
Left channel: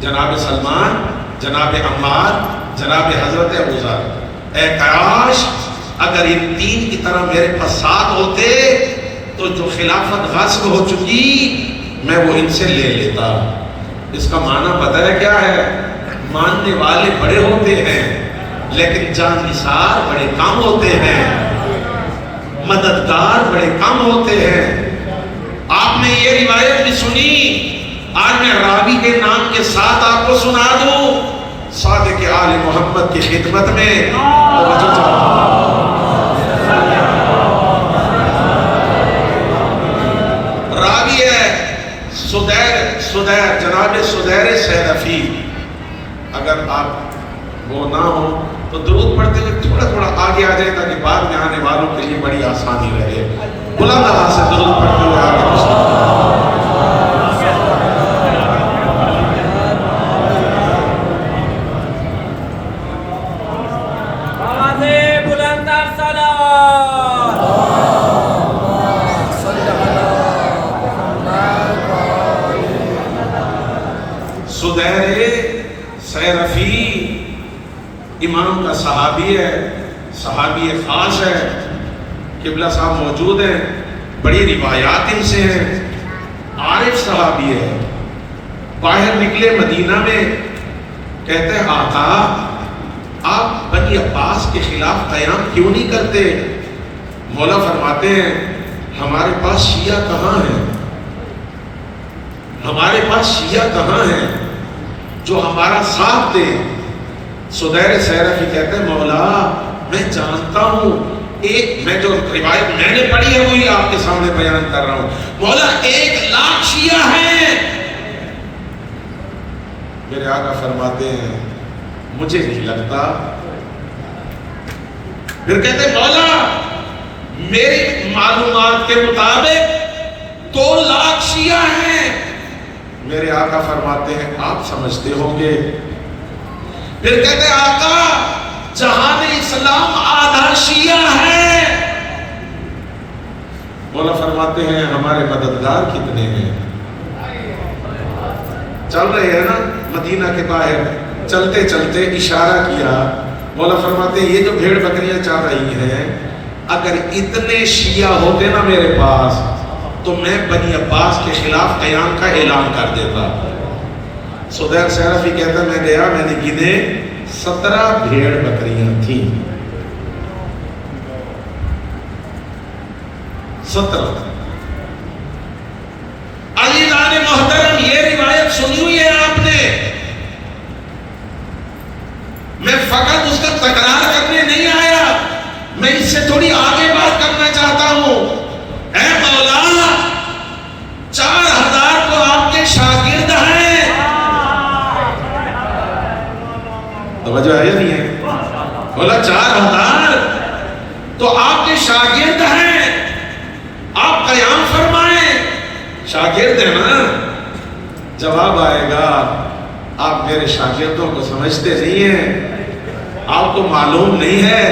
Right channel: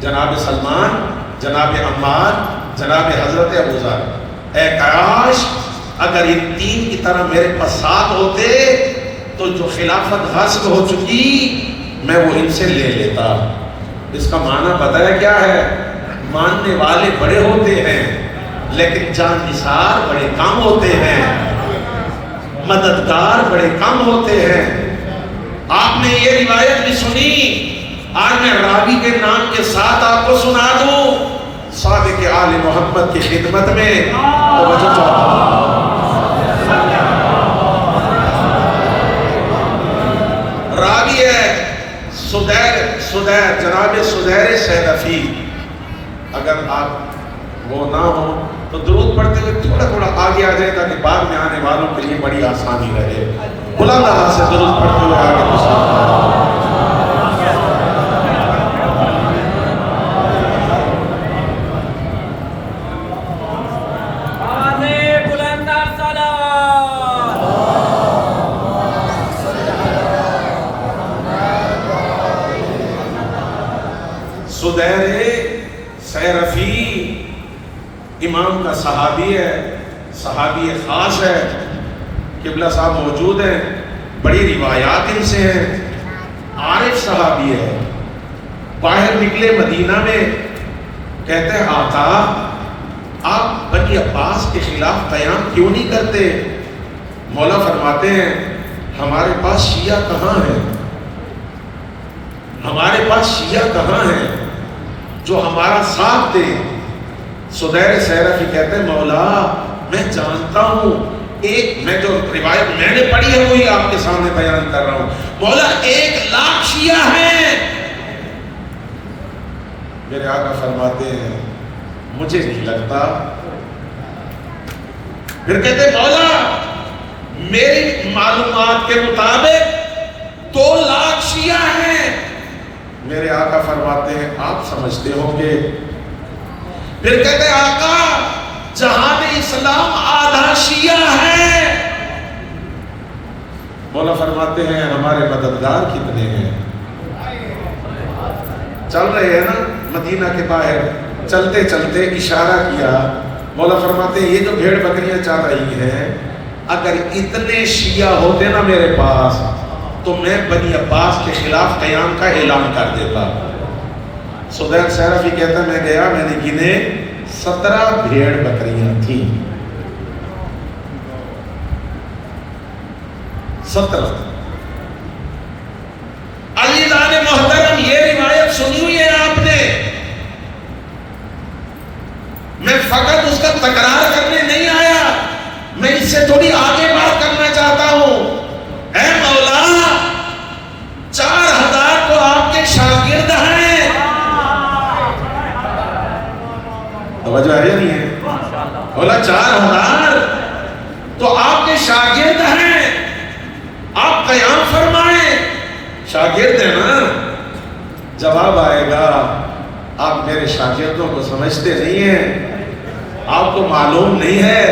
جناب سلمان جناب عمار جناب حضرت ابو ذر. اے کاش اگر ان تین کی طرح میرے پاس 7 ہوتے تو جو خلافت غصب ہو چکی میں وہ ان سے لے لیتا. اس کا معنی پتہ ہے کیا ہے؟ ماننے والے بڑے ہوتے ہیں لیکن جاننثار بڑے کم ہوتے ہیں. مددگار بڑے کم ہوتے ہیں. آپ نے یہ روایت بھی سنی. آج میں راوی کے نام کے ساتھ آپ کو سنا دوں. صادق آل محمد کی خدمت میں راوی ہے سدیر جناب سدیر سیرفی. اگر آپ وہ نہ ہو تو درود پڑھتے ہوئے تھوڑا تھوڑا آگے آ جائے تاکہ بعد میں آنے والوں کے لیے بڑی آسانی رہے. بلند آواز سے درود پڑھتے ہوئے امام کا صحابی ہے. صحابی خاص ہے. قبلہ صاحب موجود ہیں. بڑی روایات ان سے ہیں. عارف صحابی ہے. باہر نکلے مدینہ میں کہتے ہیں آقا آپ بنی عباس کے خلاف قیام کیوں نہیں کرتے؟ مولا فرماتے ہیں ہمارے پاس شیعہ کہاں ہے؟ شیعہ کہاں ہیں جو ہمارا ساتھ دے؟ سدیر سیرفی کہتے ہیں مولا میں جانتا ہوں، ایک میں جو روایت میں نے پڑھی ہے وہی آپ کے سامنے بیان کر رہا ہوں، مولا 1,00,000 شیعہ ہیں۔ میرے آقا فرماتے ہیں مجھے نہیں لگتا۔ پھر کہتے ہیں مولا میری معلومات کے مطابق 2,00,000 شیعہ ہیں۔ میرے آقا فرماتے ہیں آپ سمجھتے ہوں گے۔ پھر کہتے ہیں آقا جہان اسلام آدھا شیعہ ہے۔ مولا فرماتے ہیں ہمارے مددگار کتنے ہیں؟ چل رہے ہیں نا مدینہ کے باہر، چلتے چلتے اشارہ کیا، مولا فرماتے ہیں یہ جو بھیڑ بکریاں چل رہی ہیں اگر اتنے شیعہ ہوتے نا میرے پاس تو میں بنی عباس کے خلاف قیام کا اعلان کر دیتا۔ سدیر سیرفی کہتا ہے میں گیا، میں نے گنے 17 بھیڑ بکریاں تھیں، 17۔ علی جان محترم یہ روایت سنی ہے آپ نے، میں فقط اس کا تکرار کرنے نہیں آیا، میں اس سے تھوڑی آگے بات کرنا چاہتا ہوں۔ اے مولا 4,000 تو آپ کے شاگرد ہیں، توجہ ہے نہیں ہے؟ مولا 4,000 تو آپ کے شاگرد ہیں، آپ قیام فرمائیں، شاگرد ہیں نا؟ جواب آئے گا آپ میرے شاگردوں کو سمجھتے نہیں ہیں، آپ کو معلوم نہیں ہے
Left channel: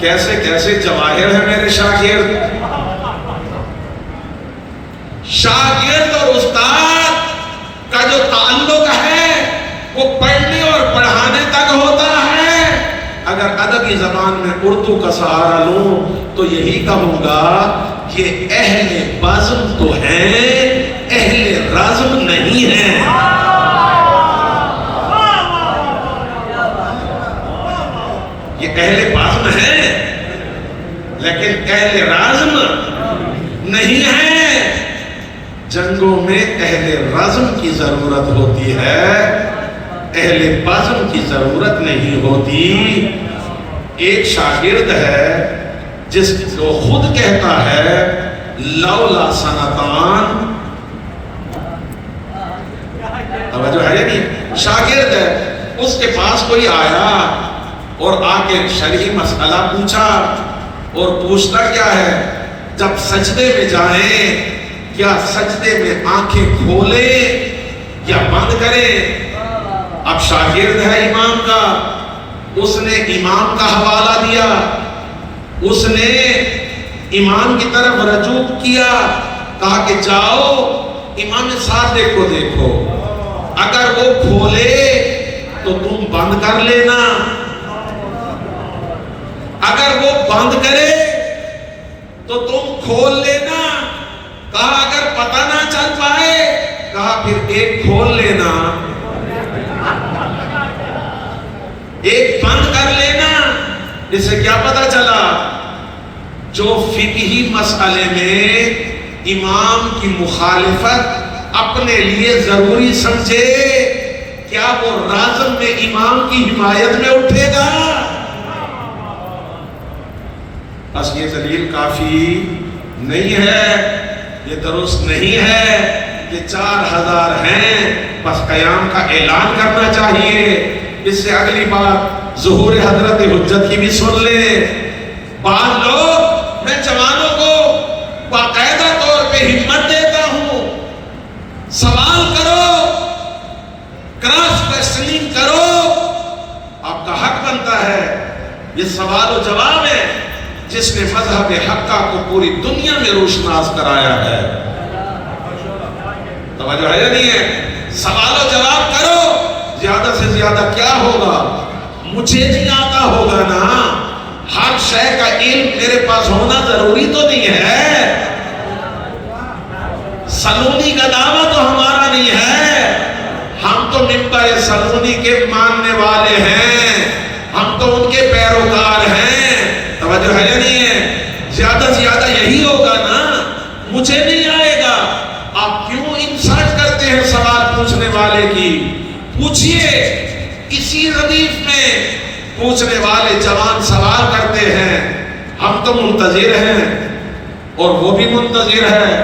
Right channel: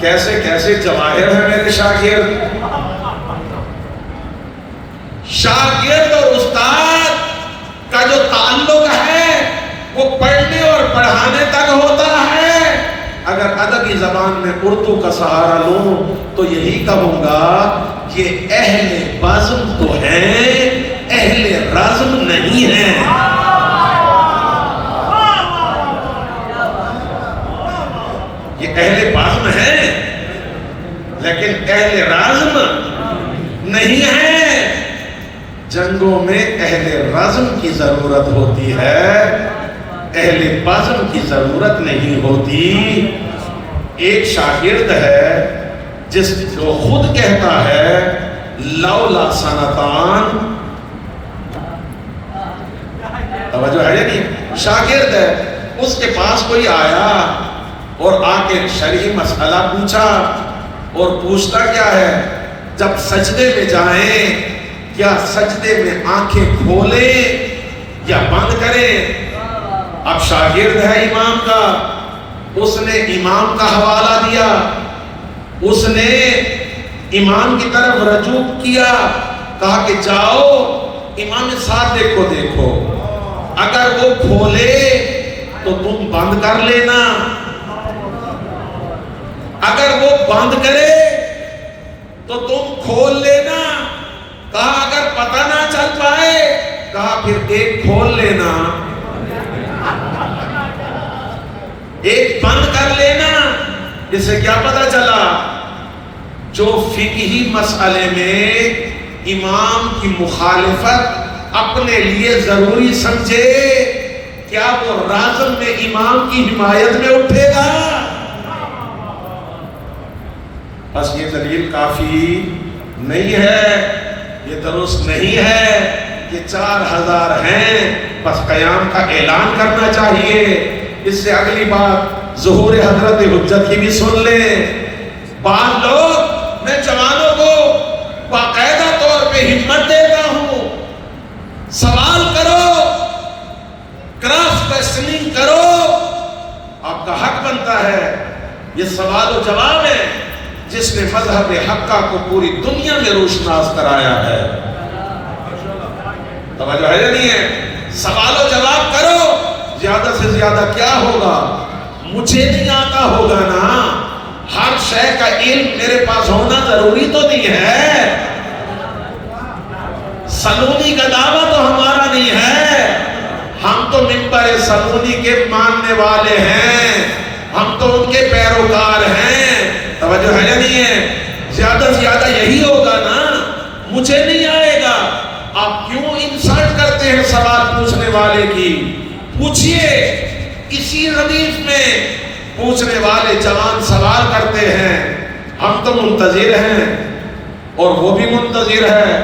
کیسے کیسے جواہر ہیں میرے شاگرد۔ شاگرد اور استاد کا جو تعلق ہے وہ پڑھنے اور پڑھانے تک ہوتا ہے۔ اگر ادبی زبان میں اردو کا سہارا لوں تو یہی کہوں گا کہ اہل بزم تو ہیں، اہل رزم نہیں ہیں۔ یہ اہل بزم ہیں لیکن اہل رزم نہیں ہیں۔ جنگوں میں اہل رزم کی ضرورت ہوتی ہے، اہل بزم کی ضرورت نہیں ہوتی۔ ایک شاگرد ہے جس کو خود کہتا ہے لولا سنتان، توجہ ہے نہیں؟ شاگرد ہے، اس کے پاس کوئی آیا اور آ کے شرعی مسئلہ پوچھا، اور پوچھتا کیا ہے جب سجدے میں جائیں کیا سجدے میں آنکھیں کھولیں یا بند کریں؟ اب شاگرد ہے امام کا، اس نے امام کا حوالہ دیا، اس نے امام کی طرف رجوع کیا، کہا کہ جاؤ امام صادق کو دیکھو، اگر وہ کھولے تو تم بند کر لینا، اگر وہ بند کرے تو تم کھول لینا۔ کہا اگر پتہ نہ چل پائے، کہا پھر ایک کھول لینا ایک بند کر لینا۔ اسے کیا پتہ چلا؟ جو فقہی مسئلے میں امام کی مخالفت اپنے لیے ضروری سمجھے کیا وہ رازم میں امام کی حمایت میں اٹھے گا؟ بس یہ دلیل کافی نہیں ہے، یہ درست نہیں ہے کہ 4,000 ہیں بس قیام کا اعلان کرنا چاہیے۔ اس سے اگلی بات ظہور حضرت حجت کی بھی سن لیں۔ بعض لوگ، میں جوانوں کو باقاعدہ طور پہ ہمت دیتا ہوں، سوال کرو، کراس کوسچننگ کرو، آپ کا حق بنتا ہے۔ یہ سوال و جواب ہے جس نے مذہب حقہ کو پوری دنیا میں روشناس کرایا ہے۔ توجہ ہے نہیں ہے؟ سوال و جواب کرو، زیادہ سے زیادہ کیا ہوگا؟ مجھے نہیں آتا ہوگا نا، ہر شے کا علم میرے پاس ہونا ضروری تو نہیں ہے۔ سلونی کا دعویٰ تو ہمارا نہیں ہے، ہم تو منبر سلونی کے ماننے والے ہیں، ہم تو ان کے پیروکار ہیں۔ توجہ ہے یا نہیں ہے؟ زیادہ سے زیادہ یہی ہوگا نا، مجھے نہیں آئے گا۔ آپ کیوں انسلٹ کرتے ہیں سوال پوچھنے پوچھئے. اسی ردیف میں پوچھنے والے جوان سوال کرتے ہیں، ہم تو منتظر ہیں اور وہ بھی منتظر ہے،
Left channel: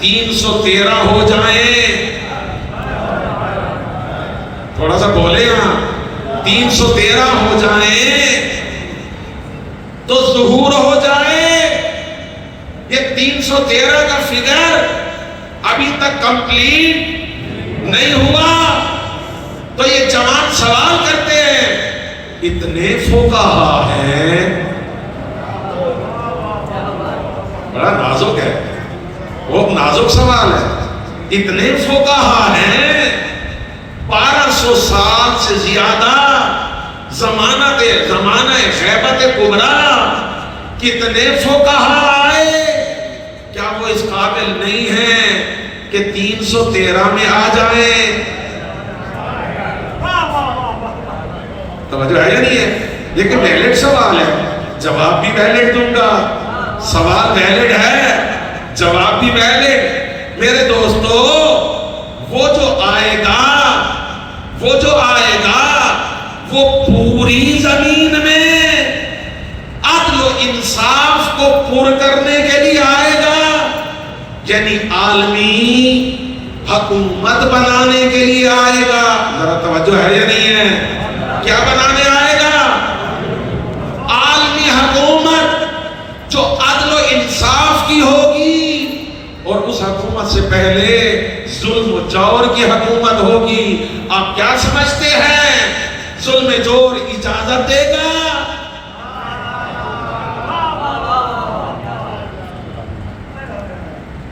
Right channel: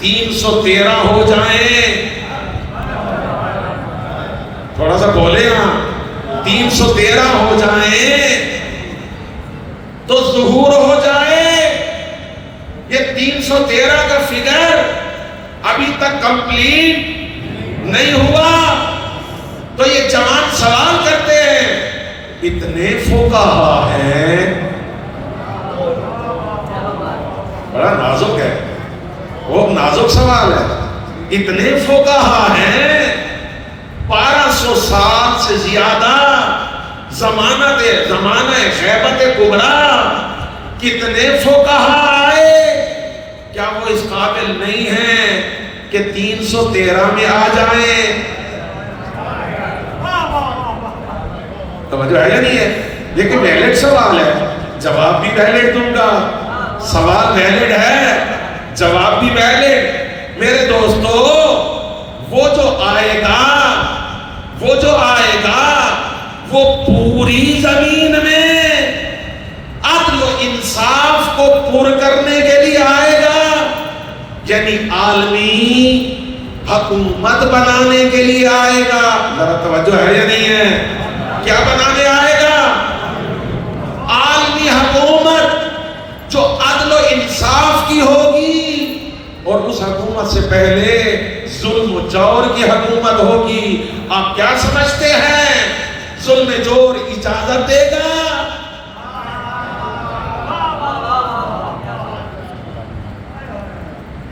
313 ہو جائیں. تھوڑا سا بولے نا، 313 ہو جائیں تو ظہور ہو جائے. یہ 313 کا فگر ابھی تک کمپلیٹ نہیں ہوا. تو یہ جوان سوال کرتے ہیں، اتنے فقہا ہیں، بڑا نازک ہے، بہت نازک سوال ہے. اتنے فقہا ہیں، 1200 سال سے زیادہ زمانہ غیبت کبریٰ، کتنے فقہا آئے، کیا وہ اس قابل نہیں ہیں کہ 313 میں آ جائیں؟ توجہ ہے نہیں ہے؟ لیکن ویلڈ سوال ہے، جواب بھی ویلڈ دوں گا. سوال ویلڈ ہے، جواب بھی ویلڈ. میرے دوستو، وہ جو آئے گا وہ پوری زمین میں عدل و انصاف کو پر کرنے کے لیے آئے گا، یعنی عالمی حکومت بنانے کے لیے آئے گا. ذرا توجہ ہے یا نہیں ہے؟ کیا بنانے آئے گا؟ عالمی حکومت جو عدل و انصاف کی ہوگی، اور اس حکومت سے پہلے ظلم و جور کی حکومت ہوگی. آپ کیا سمجھتے ہیں ظلم جور اجازت دے گا؟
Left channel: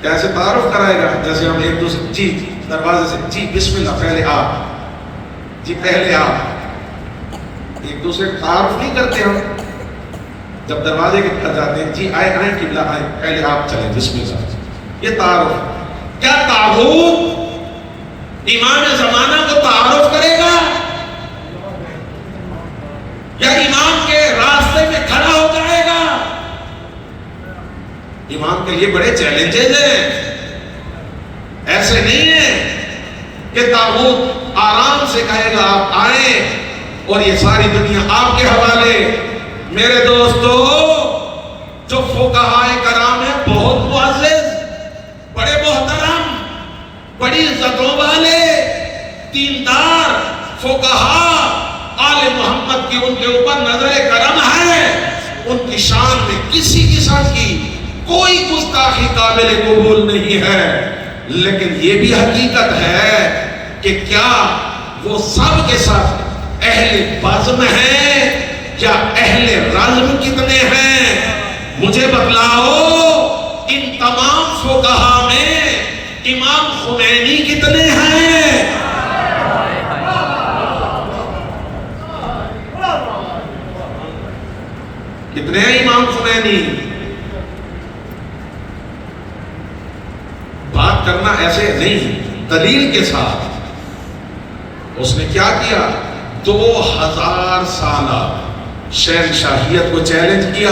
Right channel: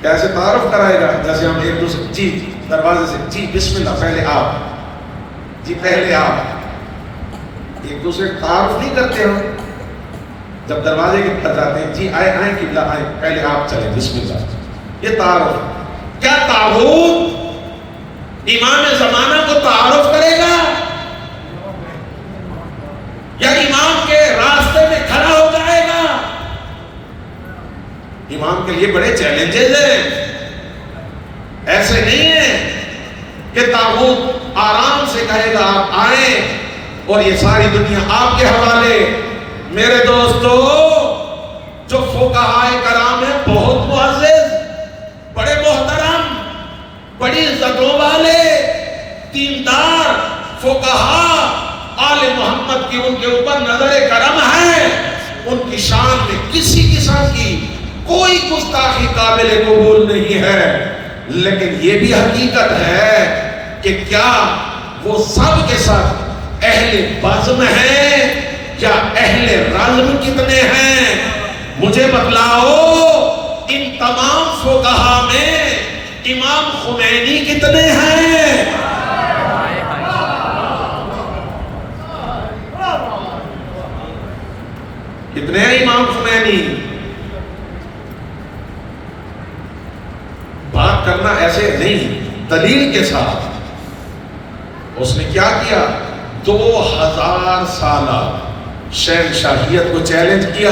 کیسے تعارف کرائے گا؟ جیسے ہم ایک دوسرے جی دروازے سے جی بسم اللہ پہلے آپ، جی پہلے آپ، ایک دوسرے تعارف نہیں کرتے ہم. جب دروازے کے پاس جاتے ہیں، جی آئے قبلہ آئے، پہلے آپ چلیں بسم اللہ. یہ تعارف. کیا تعارف امام زمانہ کو تعارف کرے گا، یا امام کے راستے میں کھڑا ہو جائے گا؟ امام کے لیے بڑے چیلنجز ہیں. ایسے نہیں ہے کہ تاغوت آرام سے کہے گا آپ آئیں اور یہ ساری دنیا آپ کے حوالے. میرے دوستو، جو فقہائے کرام ہیں بہت معزز، بڑے محترم، بڑی عزتوں والے، دیندار فقہا، آل محمد کی ان کے اوپر نظر کرم ہے. ان کی شان میں کسی قسم کی کوئی گستاخی قابل قبول نہیں ہے. لیکن یہ بھی حقیقت ہے کہ کیا وہ سب کے ساتھ اہل بزم ہیں یا اہل رزم کتنے ہیں؟ مجھے بتلاؤ، ان تمام فقہا میں امام خمینی کتنے ہیں؟ کتنے ہیں امام خمینی؟ بات کرنا ایسے نہیں، دلیل کے ساتھ. اس نے کیا کیا؟ 2000 سالہ شہنشاہیت کو چیلنج کیا.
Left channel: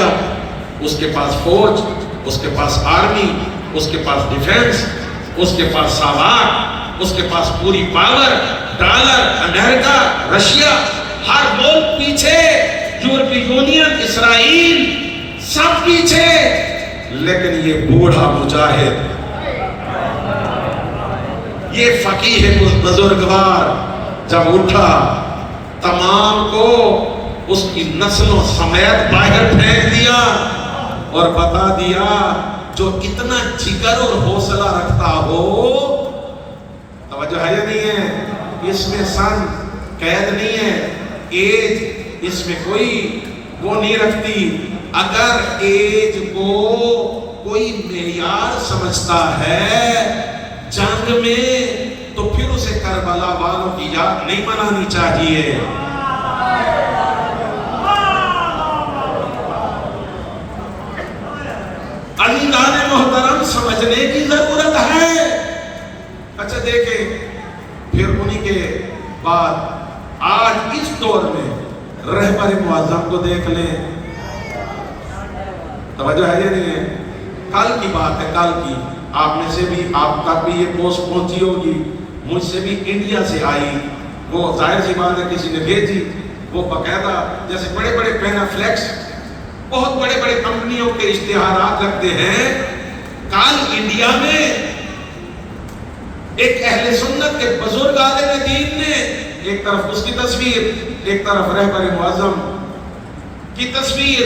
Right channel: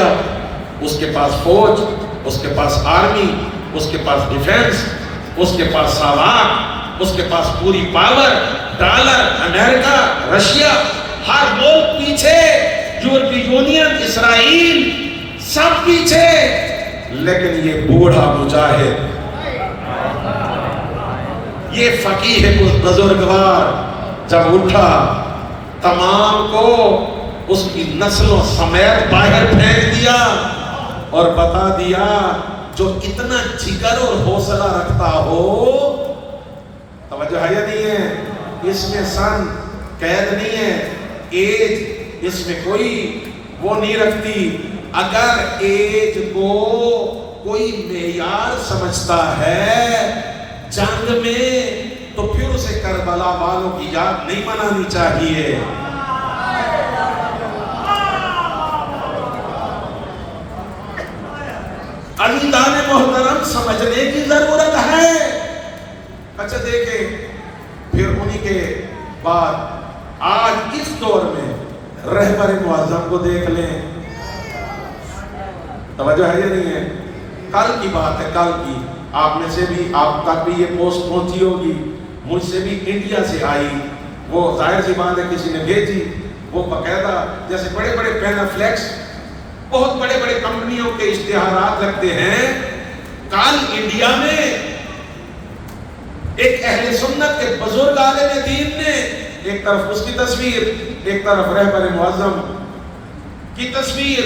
اس کے پاس فوج، اس کے پاس آرمی، اس کے پاس ڈیفنس، اس کے پاس سامان، اس کے پاس پوری پاور. ڈالر، امریکہ، رشیا، ہر ملک پیچھے، یورپی یونین، اسرائیل، سب پیچھے. لیکن یہ بوڑھا مجاہد، یہ فقیہ بزرگوار جب اٹھا، تمام کو اس کی نسلوں سمیت باہر پھینک دیا اور بتا دیا، جو اتنا جگر اور حوصلہ رکھتا ہو. توجہ ہے یا نہیں ہے؟ اس میں سن قید نہیں ہے، ایج اس میں کوئی وہ نہیں رکھتی. اگر ایج کو کوئی معیار سمجھتا ہے جنگ میں، تو پھر اسے کربلا والوں کی یاد نہیں منانی چاہیے. عزیزان محترم، سمجھنے کی ضرورت ہے. اچھا دیکھیں، پھر انہی کے بعد آج اس دور میں رہبر معظم کو دیکھ لیں. توجہ ہے نہیں ہے؟ کل کی بات ہے، کل کی. آپ میں سے بھی، آپ کا بھی یہ پوسٹ پہنچی ہوگی، مجھ سے بھی انڈیا سے آئی. وہ ظاہر سی بات ہے کسی نے بھیجی، وہ باقاعدہ جیسے بڑے بڑے پینافلیکس بہت بڑے بڑے کمپنیوں کے اشتہارات لگتے ہیں، کل انڈیا میں ایک اہل سنت ایک بزرگ عالم دین نے ایک طرف اس کی تصویر، ایک طرف رہبر معظم کی تصویر،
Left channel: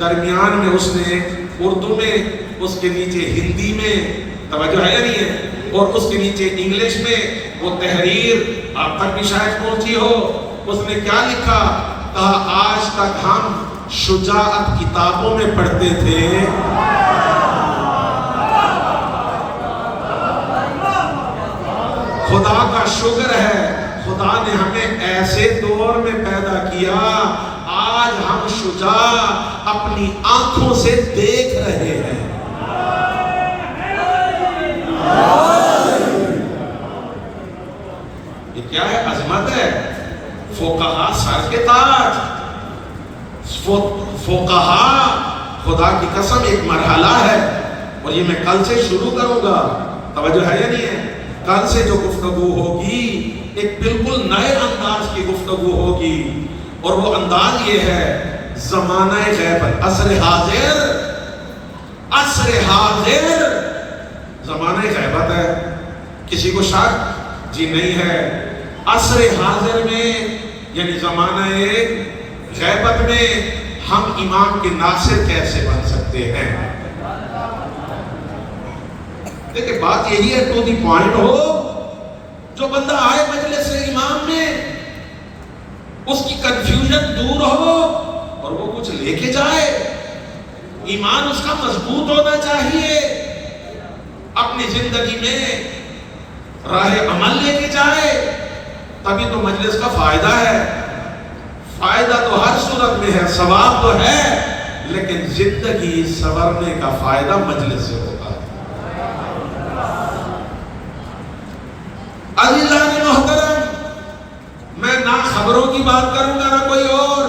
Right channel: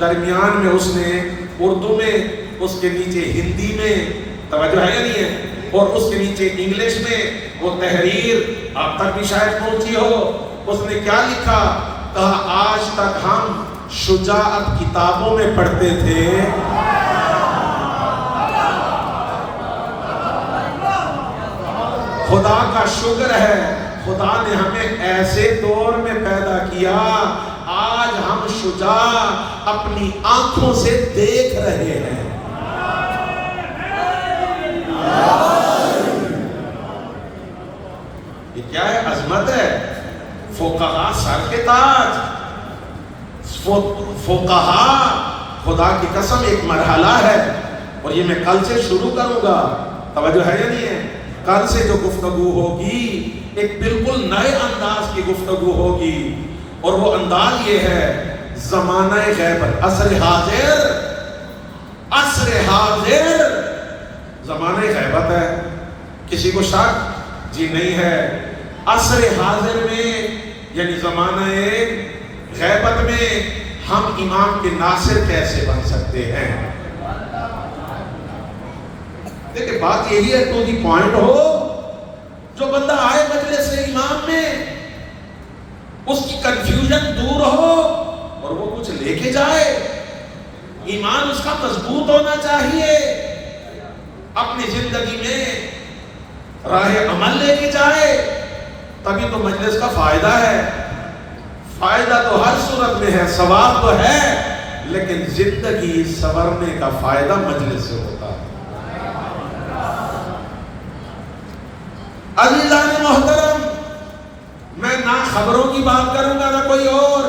درمیان میں اس نے اردو میں، اس کے نیچے ہندی میں، توجہ ہے یا نہیں ہے، اور اس کے نیچے انگلش میں وہ تحریر آپ تک بھی شاید پہنچی ہو، اس نے کیا لکھا؟ کہا آج تک ہم شجاعت کتابوں میں پڑھتے تھے، خدا کا شکر ہے خدا نے ہمیں ایسے دور میں پیدا کیا آج ہم شجاع اپنی آنکھوں سے دیکھ رہے ہیں۔ یہ کیا ہے؟ عظمت ہے۔ فقہا سر کے تاج، فقہا خدا کی قسم ایک مرحلہ ہے، اور یہ میں کل سے شروع کروں گا، توجہ ہے یا نہیں ہے؟ کل سے جو گفتگو ہوگی ایک بالکل نئے انداز کی گفتگو ہوگی، اور وہ انداز یہ ہے زمانہ غیبت، عصر حاضر، عصر حاضر زمانہ غیبت ہے۔ کسی کو شک؟ جی نہیں ہے۔ عصر حاضر میں یعنی زمانہ غیبت میں ہم امام کے ناصر کیسے بن سکتے ہیں؟ دیکھیں بات یہی ہے، تو دی پوائنٹ ہو، جو بندہ آئے مجلس امام میں اس کی کنفیوژن دور ہو اور وہ کچھ لے کے جائے، ایمان اس کا مضبوط ہونا چاہیے، اپنی زندگی میں راہ عمل لے کے جائے، تبھی تو مجلس کا فائدہ ہے۔ فائدہ تو ہر صورت میں ہے، ثواب تو ہے، لیکن زندگی سنورنے کا فائدہ مجلس سے ہوتا ہے۔ عزیزان محترم، میں نہ خبروں کی بات کروں گا نہ کوئی اور،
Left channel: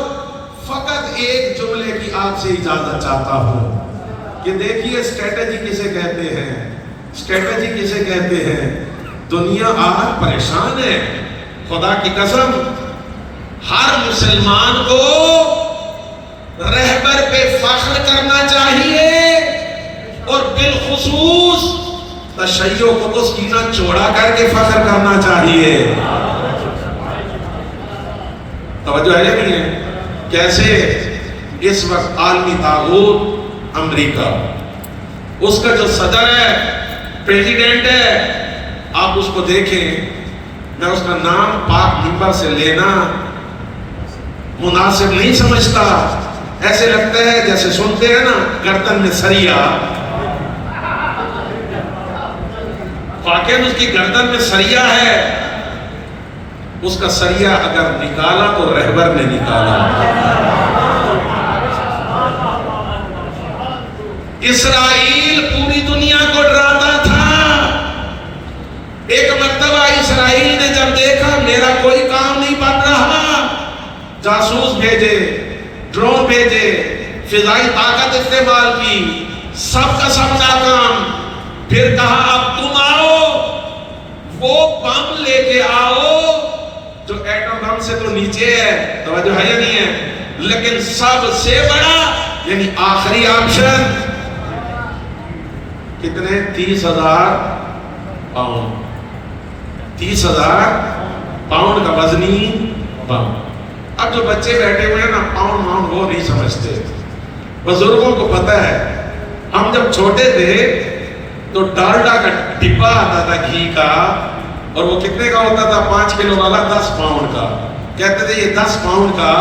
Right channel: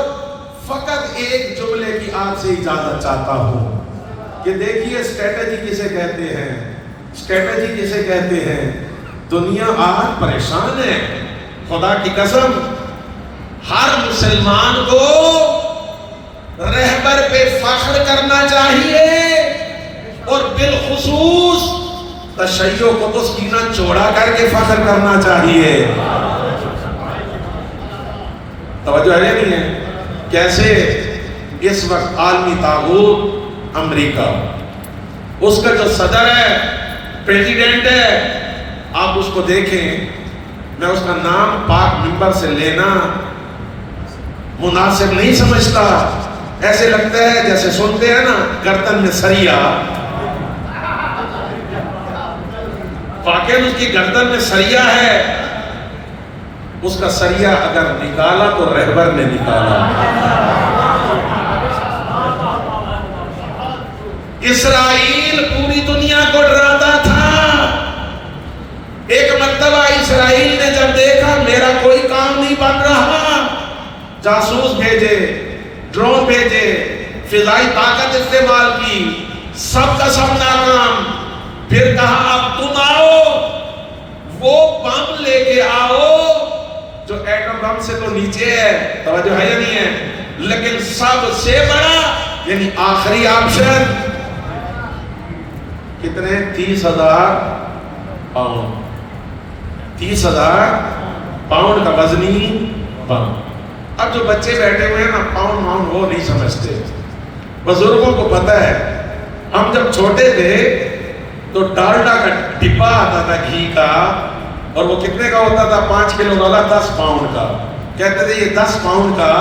فقط ایک جملے کی آپ سے اجازت چاہتا ہوں کہ دیکھیے اسٹریٹجی کسے کہتے ہیں، اسٹریٹجی کسے کہتے ہیں۔ دنیا آج پریشان ہے، خدا کی قسم ہر مسلمان کو رہبر پہ فخر کرنا چاہیے، اور بالخصوص تشیع کو تو سینہ چوڑا کر کے فخر کرنا چاہیے۔ توجہ ہے نہیں ہے؟ کیسے؟ اس وقت عالمی طاغوت امریکہ، اس کا جو صدر ہے، پریزیڈنٹ ہے، آپ اس کو دیکھیں، میں اس کا نام پاک منبر سے لینا مناسب نہیں سمجھتا، ایسے لگتا ہے جیسے سنتے ہیں نا گردن میں سریا، واقعی اس کی گردن میں سریا ہے، اس کا سریا اگر نکالا تو رہبر نے نکالا۔ اسرائیل پوری دنیا کو ڈراتا تھا، ایک مرتبہ اسرائیل نے جب دیکھا میرا کوئی کام نہیں بن رہا، جاسوس بھیجے، ڈرون بھیجے، فضائی طاقت استعمال کی، سب کا سب ناکام، پھر کہا اب تم آؤ، وہ بم لے کے آؤ جو ایٹم بم سے تو نیچے ہے، توجہ ہے یا نہیں ہے، لیکن سب سے بڑا یعنی آخری آپشن کتنے؟ 30,000 پاؤنڈ، 30,000 پاؤنڈ کا وزنی بم۔ اب جو بچے بیٹھے ہوئے ہیں نا پاؤنڈ وہ نہیں سمجھتے، بزرگوں کو پتہ ہے۔ ہم جب چھوٹے تھے تو ڈالڈا کا ڈبا آتا تھا گھی کا، اور وہ کتنے کا ہوتا تھا؟ 5 کلو والا 10 پاؤنڈ کا، کہتے تھے یہ 10 پاؤنڈ کا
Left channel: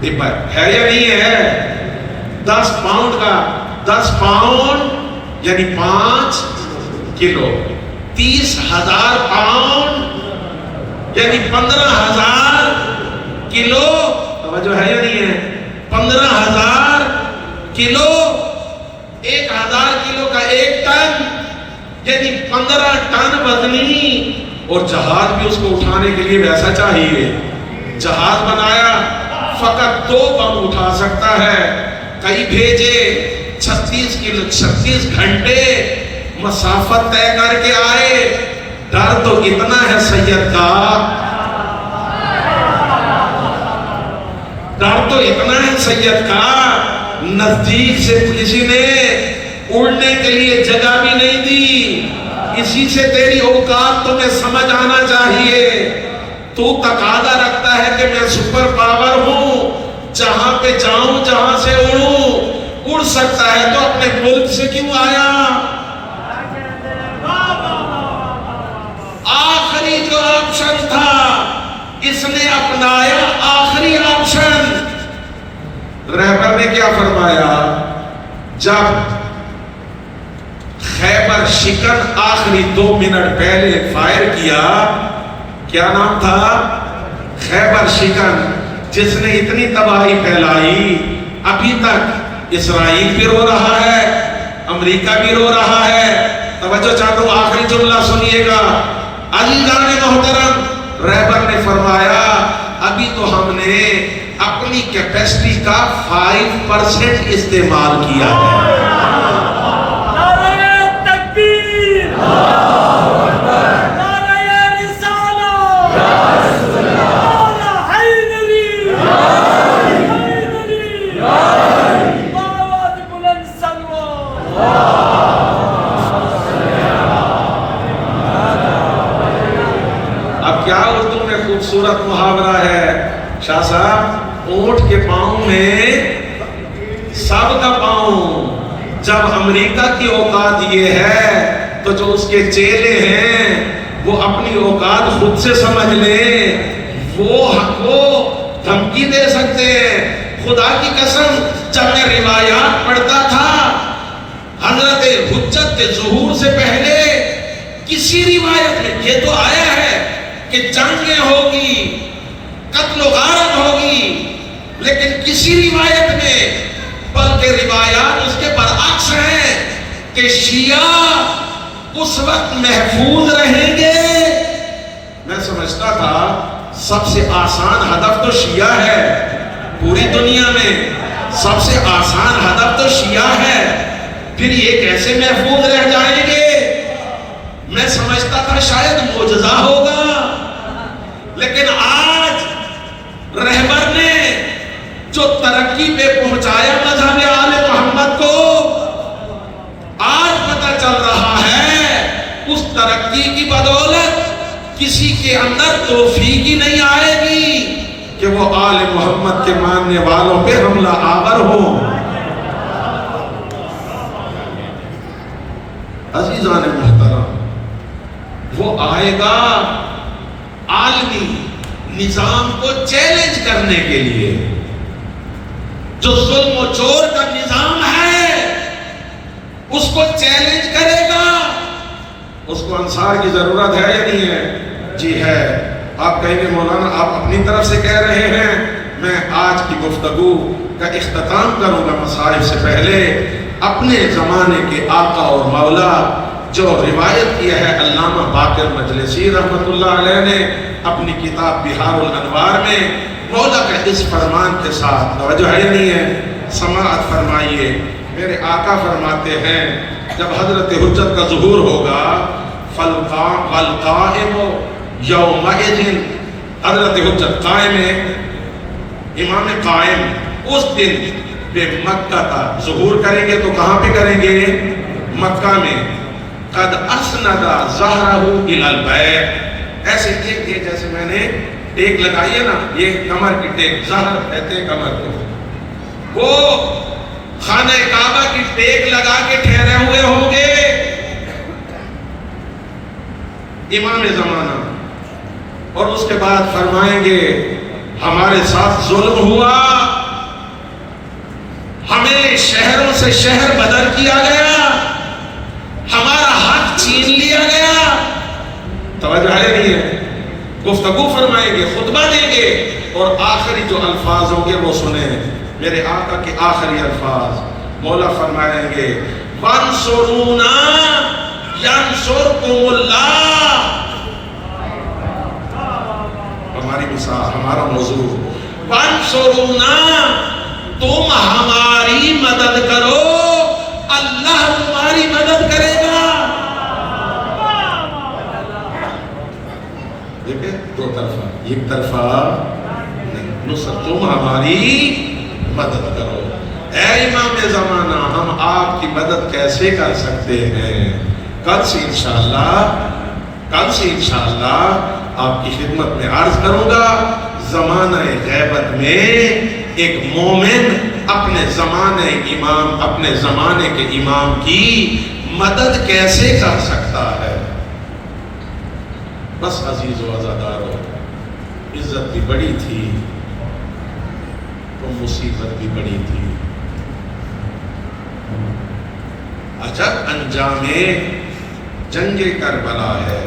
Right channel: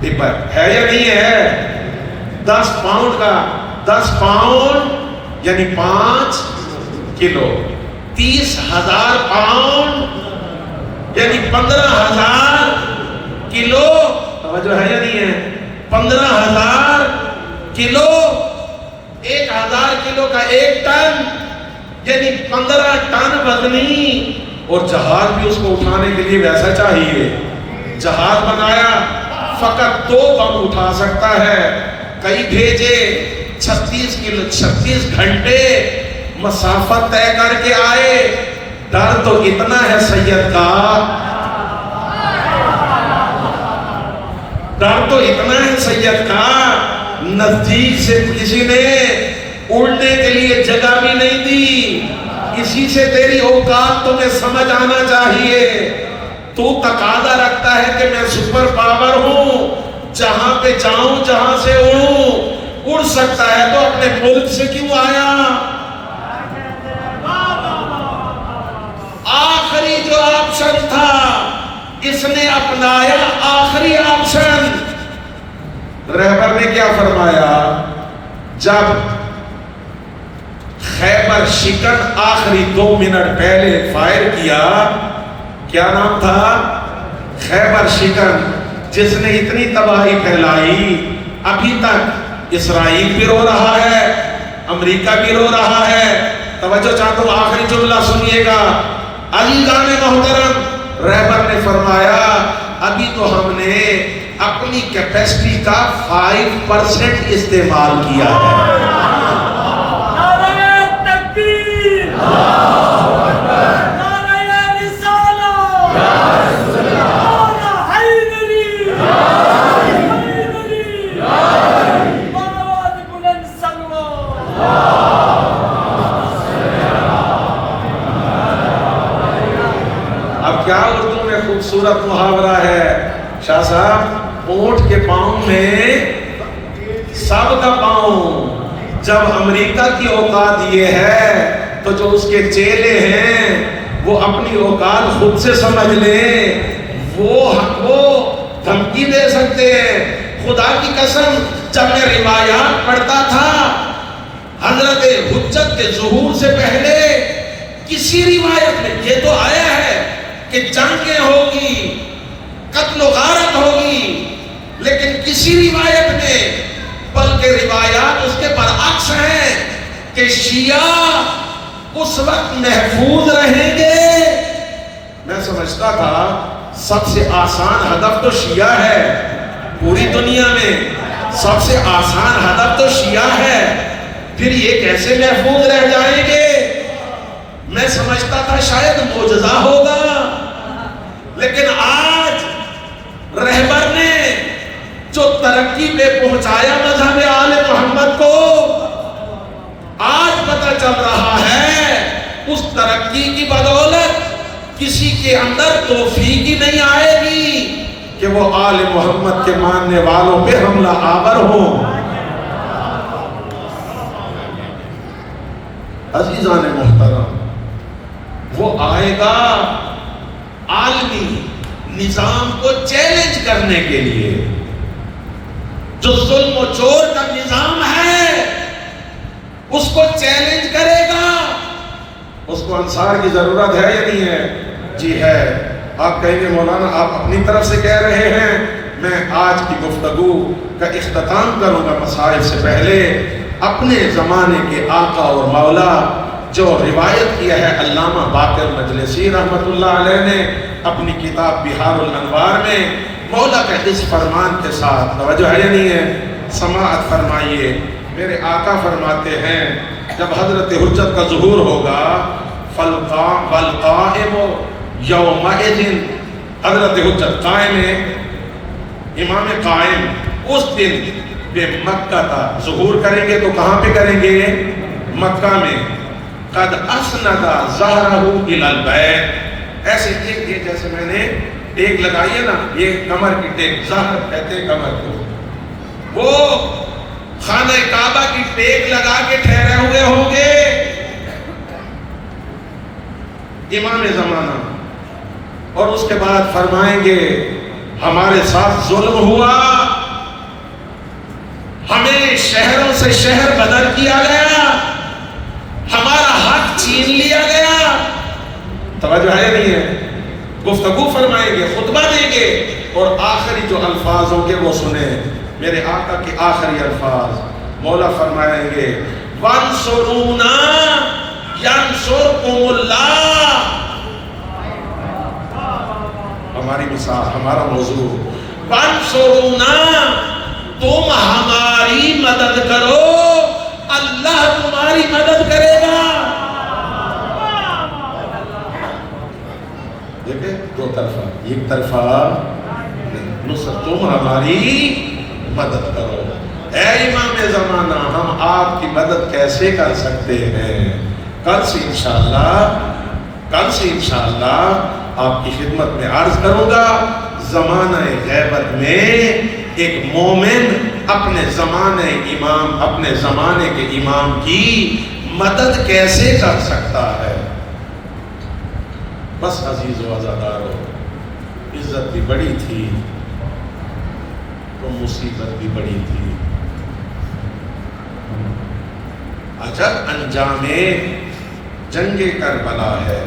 ڈبا ہے یا نہیں ہے؟ 10 پاؤنڈ کا، 10 پاؤنڈ یعنی 5 کلو، 30,000 پاؤنڈ یعنی 15,000 کلو، توجہ ہے یا نہیں ہے؟ 15,000 کلو، 1,000 کلو کا 1 ٹن یعنی 15 ٹن وزنی، اور جہاز بھی اس کو اٹھانے کے لیے ویسا چاہیے۔ جہاز بنایا، فقط 2 بم اٹھا سکتا ہے، کئی بھیجے، 36 گھنٹے مسافت 'طے کر کے آئے. ڈر تو اتنا ہے سید کا سید کا نزدیک سے کسی نے اڑنے کے لیے جگہ بھی نہیں دی. اسی سے تیری اوقات تمہیں سمجھ آنا چاہیے. تو تقاضا رکھتا ہے کہ میں سپر پاور ہوں, جہاں پہ جاؤں جہاں سے ہوں. اڑ سکتا ہے تو اپنے ملک سے کیوں آیا؟ آخری جو آپشن تھا اس نے اپنایا آخری آپشن. رہبر نے کیا فرمایا؟ جب خیبر شکن آخری 2 منٹ پہلے فائر کیا, کیا نام تھا؟ خیبر شکن, جس نے اتنی تباہی پھیلائی. ابھی تک اسرائیل بھی رو رہا ہے, امریکہ بھی رو رہا ہے. توجہ چاہتا ہوں, آخری جملہ سنیے گا. عزیزان محترم, رہبر نے فرمایا ابھی تو ہم نے اپنی کیپیسٹی کا 5% استعمال کیا ہے. خوبصورت محاورہ ہے شاہ صاحب, اونٹ کے پاؤں میں سب کا پاؤں. جب امریکہ کی اوقات یہ ہے تو جو اس کے چیلے ہیں وہ اپنی اوقات خود سے سمجھ لیں. وہ دھمکی دے سکتے ہیں. خدا کی قسم, جب میں روایات پڑھتا تھا حضرت حجت کے ظہور سے پہلے کسی روایت میں یہ تو آیا ہے کہ جنگیں ہوگی, قتل و غارت ہوگی, لیکن کسی روایت میں, بلکہ روایات اس کے برعکس ہیں کہ شیعہ اس وقت محفوظ رہیں گے. میں سمجھتا تھا سب سے آسان ہدف تو شیعہ ہے, پوری دنیا میں سب سے آسان ہدف تو شیعہ ہے, پھر یہ کیسے محفوظ رہ جائیں گے؟ میں سمجھتا تھا شاید معجزہ ہوگا, لیکن آج رہبر نے جو ترقی پہ پہنچایا مذہب آل محمد کو, آج پتہ چل رہا ہے اس ترقی کی بدولت کسی کے اندر توفیق ہی نہیں آئے گی کہ وہ آل محمد کے ماننے والوں پہ حملہ آور ہوں. عزیزان محترم, وہ آئے گا عالمی نظام کو چیلنج کرنے کے لیے. جو ظلم و جور کا نظام ہے اس کو چیلنج کرے گا. اس کو انصار کی ضرورت ہے یا نہیں ہے؟ جی ہے. آپ کہیں گے مولانا آپ اپنی طرف سے کہہ رہے ہیں. میں آج کی گفتگو کا اختتام کروں گا مسائل سے پہلے اپنے زمانے کے آقا اور مولا جو روایت کیا ہے علامہ باقر مجلسی رحمۃ اللہ علیہ نے اپنی کتاب بہار الانوار میں, مولا کا اس فرمان کے ساتھ توجہ ہے نہیں ہے, سماعت فرمائیے. میرے آقا فرماتے ہیں جب حضرت حجت کا ظہور ہوگا, فالقائم یومئذ, حضرت حجت قائم ہے, امام قائم اس دن بے مکہ کا ظہور کریں گے. تو کہاں پہ کریں گے؟ مکہ میں. قد اسند ظہرہ الی البیت, ایسے ٹیک دیے جیسے میں نے ٹیک لگائی ہے نا, یہ کمر کی ٹیک, ظہر کہتے ہیں کمر کو. وہ خانہ کعبہ کی ٹیک لگا کے ٹھہرے ہوئے ہوں گے امام زمانہ, اور اس کے بعد فرمائیں گے ہمارے ساتھ ظلم ہوا, ہمیں شہروں سے شہر بدل کیا گیا, ہمارا حق چھین لیا گیا. توجہ ہے نہیں ہے؟ گفتگو فرمائیں گے, خطبہ دیں گے, اور آخری جو الفاظ ہوں گے وہ سنیں. میرے آقا کے آخری الفاظ مولا فرمائیں گے وَانْصُرُونَا يَنْصُرْكُمُ اللَّهُ. ہماری مثال, ہمارا موضوع وَانْصُرُونَا, تم ہماری مدد کرو, اللہ تمہاری مدد کرے گا. دیکھیں دو طرفہ, ایک طرفہ تم ہماری مدد کرو۔ اے امام زمانہ، ہم آپ کی مدد کیسے کر سکتے ہیں؟ کل سے انشاءاللہ آپ کی خدمت میں عرض کروں گا، زمانہ غیبت میں ایک مومن اپنے زمانے کے امام کی مدد کیسے کر سکتا ہے؟ بس عزیز و عزادارو، عزت بھی بڑی تھی تو مصیبت بھی بڑی تھی۔ عجب انجام جنگ کربلا ہے،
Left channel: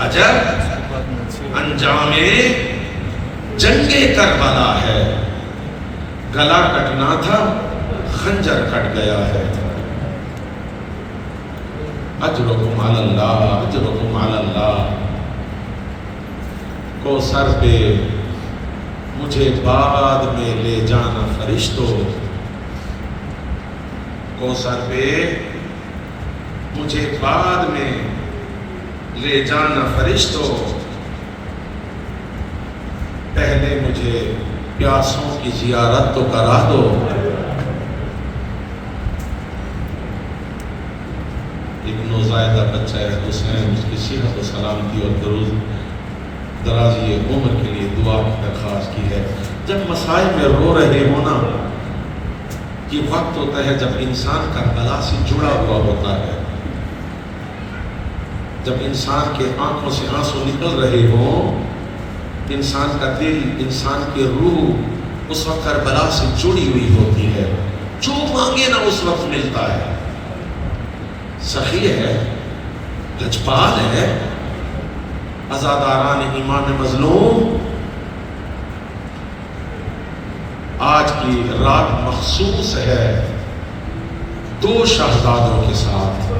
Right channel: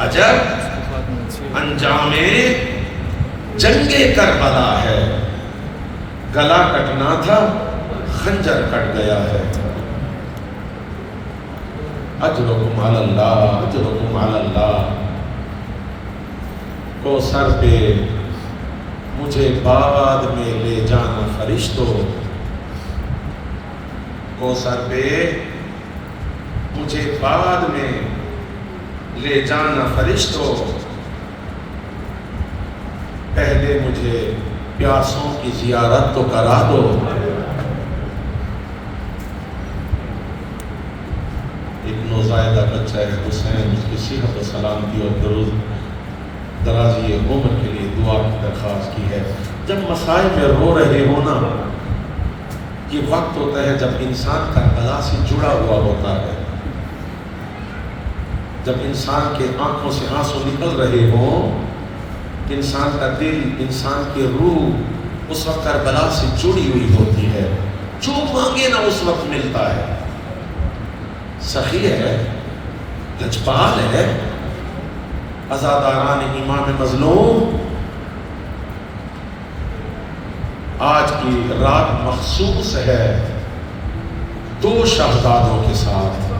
عجب انجام جنگ کربلا ہے۔ گلا کٹنا تھا، خنجر کٹ گیا ہے۔ اجرکم علی اللہ، اجرکم علی اللہ۔ کوثر پہ مجھے بعد میں لے جانا فرشتوں، کوثر پہ مجھے بعد میں لے جانا فرشتوں، پہلے مجھے پیاسوں کی زیارت تو کرا دو۔ ایک نوزائیدہ بچہ ہے حسین، اس کی صحت و سلامتی اور درازی عمر کے لیے دعا کی درخواست کی ہے۔ جب مسائل میں رو رہے ہو نا، یہ وقت ہوتا ہے جب انسان کربلا سے جڑا ہوا ہوتا ہے، جب انسان کے آنکھوں سے آنسو نکل رہے ہوں، انسان کا دل، انسان کی روح اس وقت کربلا سے جڑی ہوئی ہوتی ہے۔ جو مانگے نا اس وقت ملتا ہے۔ سخی ہے، لجپال ہے، عزاداران امام مظلوم۔ آج کی رات مخصوص ہے دو شہزادوں کے ساتھ۔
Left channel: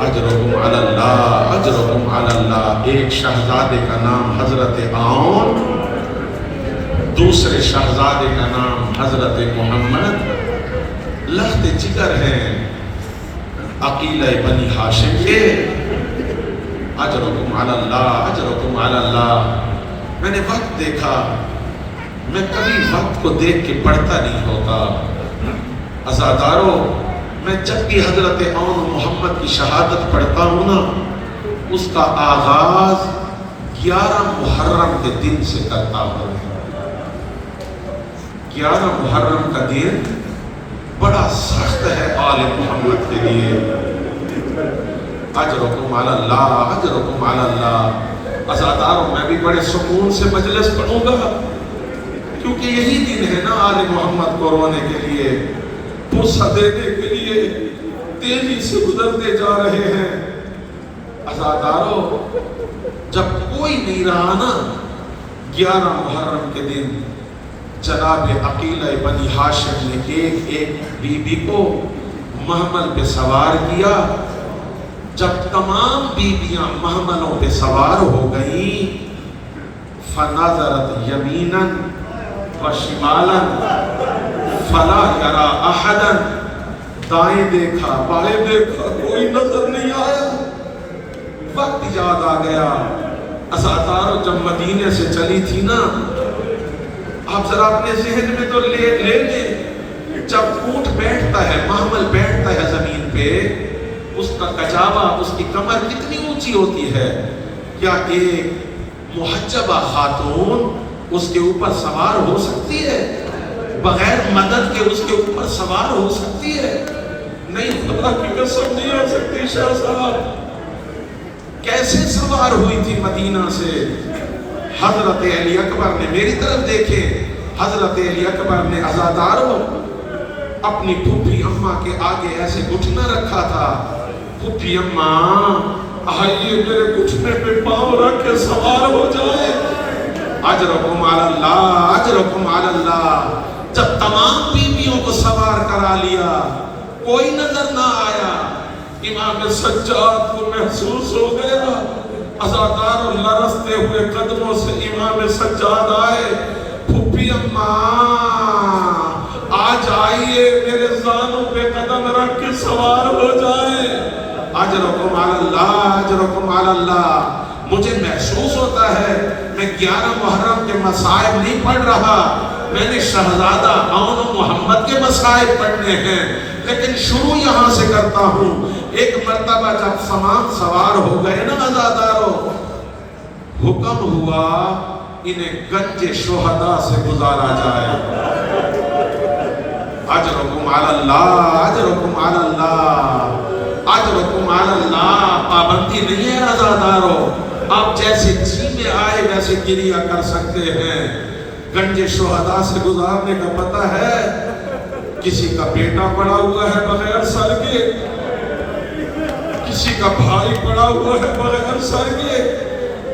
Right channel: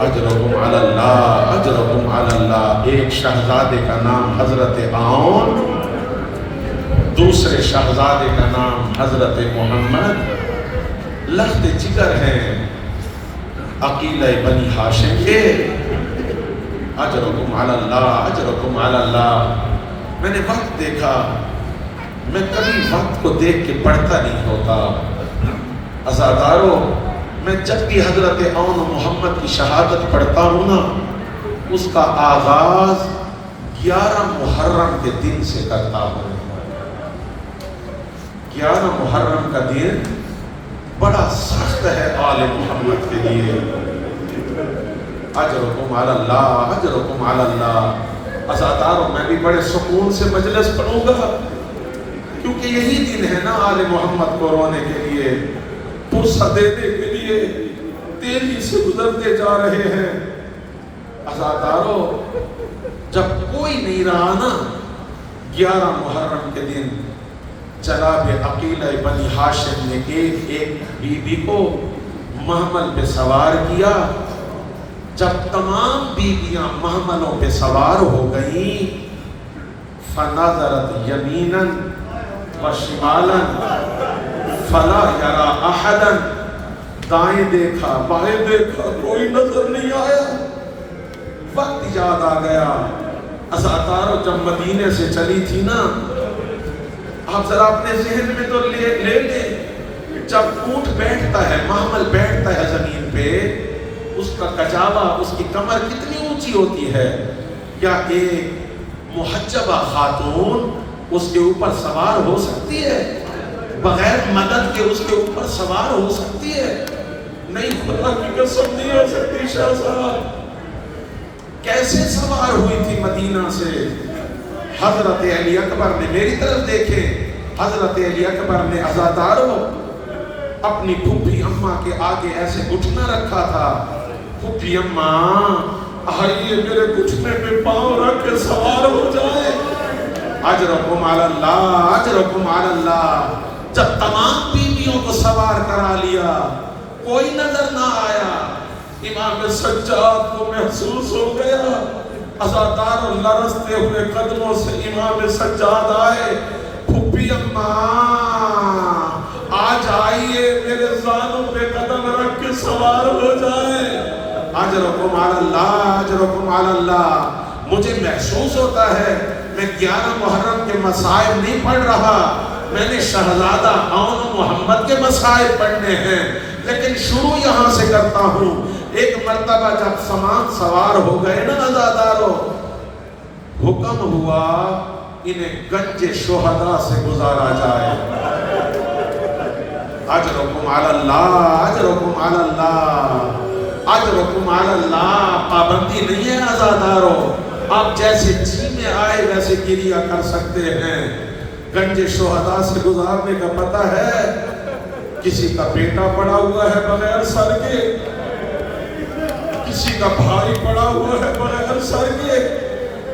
اجرکم علی اللہ، اجرکم علی اللہ۔ ایک شہزادے کا نام حضرت عون، دوسرے شہزادے کا نام حضرت محمد۔ لخت جگر ہیں عقیلہ بنی ہاشم کے۔ اجرکم علی اللہ، اجرکم علی اللہ۔ میں نے وقت دیکھا، میں کبھی وقت کو دیکھ کے پڑھتا نہیں ہوتا۔ عزادارو، میں جب بھی حضرت عون و محمد کی شہادت پڑھتا ہوں نا، اس کا آغاز 11 محرم کے دن سے کرتا ہوں۔ 11 محرم کا دن بڑا سخت ہے آل محمد کے لیے۔ اجرکم علی اللہ، اجرکم علی اللہ۔ عزادارو، میں بھی بڑے سکون سے مجلس پڑھوں گا، کیونکہ یہی دن ہے نا آل محمد کو رونے کے لیے، بوسہ دینے کے لیے تیزی سے گزرتے جا رہے ہیں۔ عزادارو، جب کوئی نہیں رہا نا 11 محرم کے دن، جناب عقیلہ بنی ہاشم نے ایک ایک بی بی کو محمل پہ سوار کیا۔ جب تمام بیویاں محملوں پہ سوار ہو گئیں، فنظرت یمینا وشمالا فلا یرا احدا۔ دائیں دیکھا، بائیں دیکھا، کوئی نظر نہیں آیا۔ وقت یاد آ گیا۔ عزادارو، جب مدینے سے چلی تھی نا، آپ ذرا اپنے ذہن میں تو لے لیں، جب اونٹ بیٹھتا ہے، محمل بیٹھتا ہے زمین پہ، اس کا کجاوا، اس کی کمر کتنی اونچی ہوتی ہے؟ کیا ایک محجبہ خاتون اس کے اوپر سوار ہو سکتی ہے؟ بغیر مدد کے اس کے اوپر سوار ہو سکتی ہے؟ نہیں، خدا کی قسم نہیں ہو سکتی۔ شاہ صاحب کیسے سوار ہوئی تھی مدینہ سے؟ حضرت علی اکبر نے، میری طرف دیکھیں، حضرت علی اکبر نے عزادارو اپنی پھوپھی اماں کے آگے ایسے گھٹنا رکھا تھا۔ پھوپھی اماں، آئیے میرے گھٹنے پہ پاؤں رکھ کے سوار ہو جائے۔ اجرکم علی اللہ، اجرکم علی اللہ۔ جب تمام بیویوں کو سوار کرا لیا، کوئی نظر نہ آیا، امام سجاد کو محسوس ہو گیا۔ عزادارو، لرزتے ہوئے قدموں سے امام سجاد آئے۔ پھوپھی اماں، آج آئیے میرے زانوں پہ قدم رکھ کے سوار ہو جائے۔ اجرکم علی اللہ، اجرکم علی اللہ۔ مجھے محسوس میں 11 محرم کے مصائب نہیں پڑھ رہا، میں نے شہزادہ عون محمد کے مصائب پڑھنے ہیں، لیکن شروع یہاں سے کرتا ہوں۔ ایک مرتبہ جب سامان سوار ہو گئے نا عزادارو، حکم ہوا انہیں گنج شہداء سے گزارا جائے۔ اجرکم علی اللہ، اجرکم علی اللہ، اجرکم علی اللہ۔ پابندی نہیں ہے عزادارو، آپ جیسے جی میں آئے ویسے گریہ کر سکتے ہیں۔ گنج شہداء سے گزارنے کا پتہ ہے، کسی کا بیٹا پڑا ہوا ہے بغیر سر کے، کسی کا بھائی پڑا ہوا ہے بغیر سر کے،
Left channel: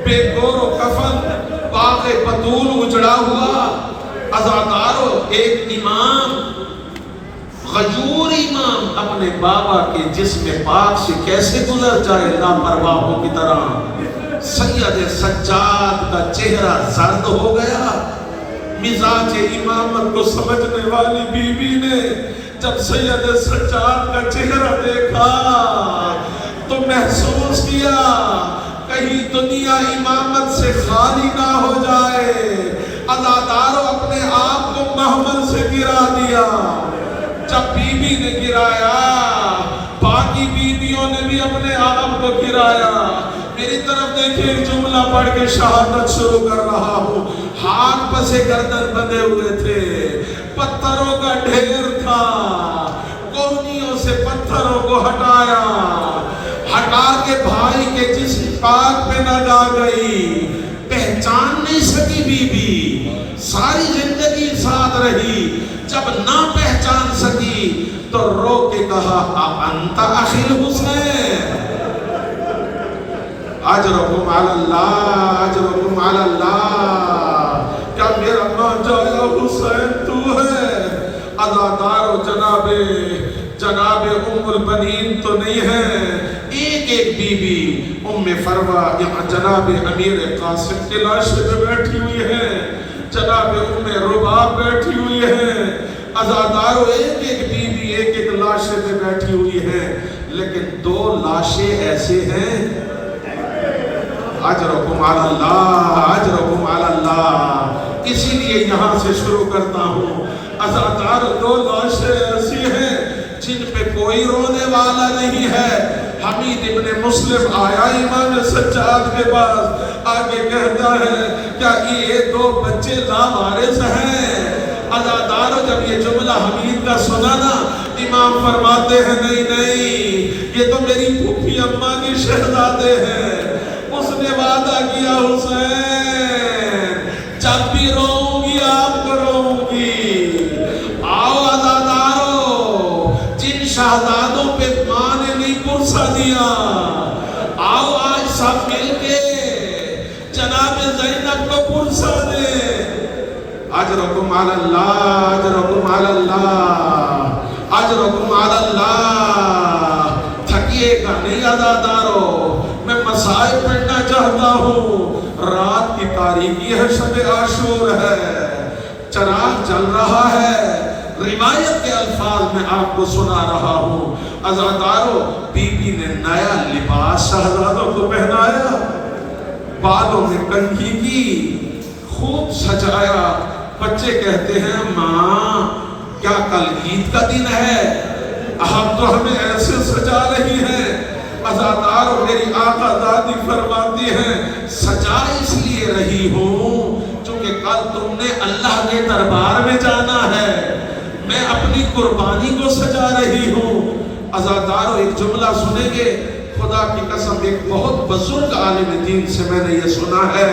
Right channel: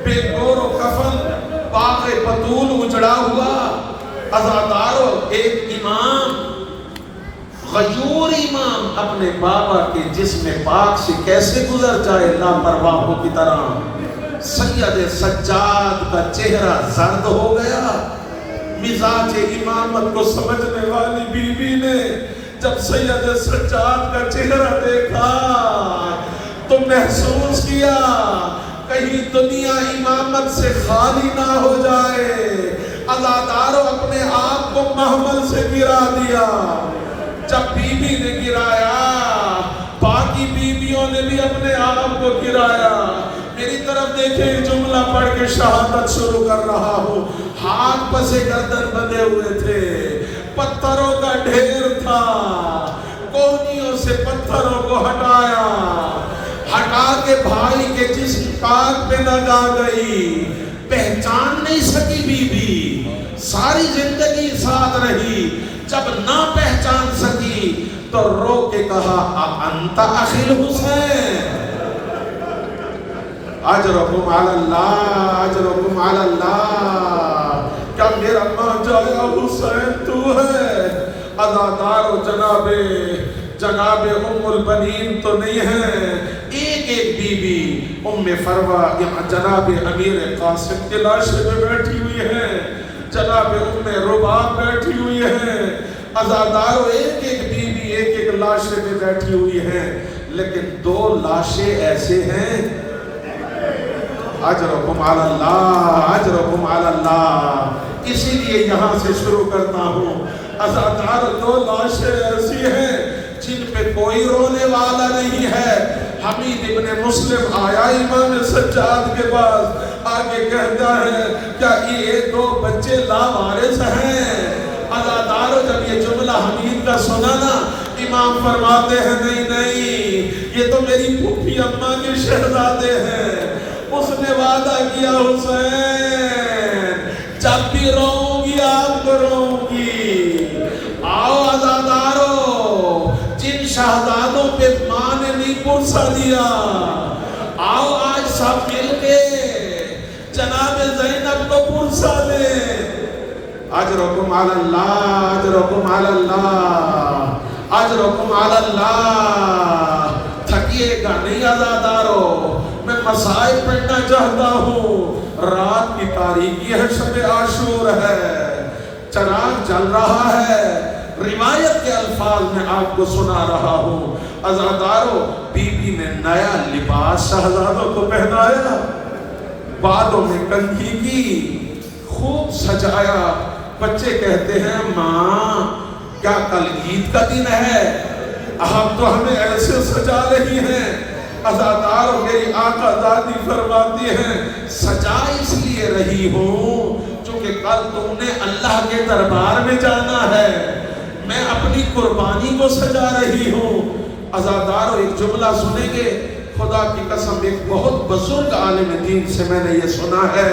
بے گور و کفن، باغ بطول اجڑا ہوا۔ عزادارو، ایک امام، غیور امام اپنے بابا کے جسم پاک سے کیسے گزر جائے لاپرواہوں کی طرح؟ سید سجاد کا چہرہ زرد ہو گیا۔ مزاج امامت کو سمجھنے والی بی بی نے جب سید سجاد کا چہرہ دیکھا تو محسوس کیا کہیں دنیا امامت سے خالی نہ ہو جائے۔ عزادارو، اپنے آپ کو محمل سے گرا دیا۔ جب بی بی نے گرایا، باقی بیویوں نے بھی اپنے آپ کو گرایا۔ میری طرف دیکھیں، جملہ پڑھ کے شہادت شروع کر رہا ہوں۔ ہاتھ پسے گردن بندے ہوئے تھے، پتھروں کا ڈھیر تھا، کونیوں سے پتھروں کو ہٹایا، ہٹا کے بھائی کے جسم پاک پہ نہ ڈا گئی۔ پہچان نہیں سکی بی بی، ساری زندگی ساتھ رہی، جب نہ پہچان سکی تو رو کے کہا اَنْتَ أَخِي الْحُسَيْنِ۔ اجرکم علی اللہ، اجرکم علی اللہ، کیا میرا نوجوان حسین تو ہے؟ عزادارو، جناب ام البنین تو نہیں ہے، ایک ایک بی بی ام فروہ جناب امیر قاسم کی لاشے میں بیٹھی ہوئی ہیں، جناب ام رباب بیٹھی ہوئی ہیں۔ عزادارو، ایک ایک بی بی ایک ایک لاشے میں بیٹھی ہوئی ہیں، لیکن 2 لاشیں ایسے ہیں۔ اجرکم علی اللہ، اجرکم علی اللہ۔ اسی لیے یہاں سے شروع کرتا ہوں۔ عزادار، 2 لاشیں ایسی ہیں جن پہ کوئی رونے والا نہیں ہے۔ حمید ابن مسلم آیا امام سجاد کے پاس، آگے کہتا ہے کیا یہ 2 بچے لاوارث ہیں؟ عزادارو، جب یہ جملہ حمید کا سنا نا، امام فرماتے ہیں نہیں نہیں، یہ تو میری پھوپھی اماں کے شہزادے ہیں۔ اس نے وعدہ کیا، حسین جب بھی روؤں گی آپ کو روؤں گی۔ آؤ عزادارو، جن شہزادوں پہ ماں نے نہیں پرسا دیا، آؤ آج سب مل کے جناب زینب کو پرسا دیں۔ اجرکم علی اللہ، اجرکم علی اللہ، اجرکم علی اللہ۔ تھکیے گا نہیں عزادارو، میں مصائب پڑھنا چاہتا ہوں۔ رات کی تاریکی ہے، شب عاشور ہے، چراغ جل رہا ہے، روایت کے الفاظ میں آپ کو سنا رہا ہوں۔ عزادارو، بی بی نے نیا لباس شہزادوں کو پہنایا، بالوں میں کنگھی کی، خوب سجایا۔ بچے کہتے ہیں ماں کیا کل عید کا دن ہے؟ آپ تو ہمیں ایسے سجا رہی ہیں۔ عزادارو، میری آقا دادی فرماتی ہیں سجا اس لیے رہی ہوں چونکہ کل تم نے اللہ کے دربار میں جانا ہے، میں اپنی قربانی کو سجا رہی ہوں۔ عزادارو، ایک جملہ سنیں گے، خدا کی قسم ایک بہت بزرگ عالم دین سے میں نے یہ سنا ہے،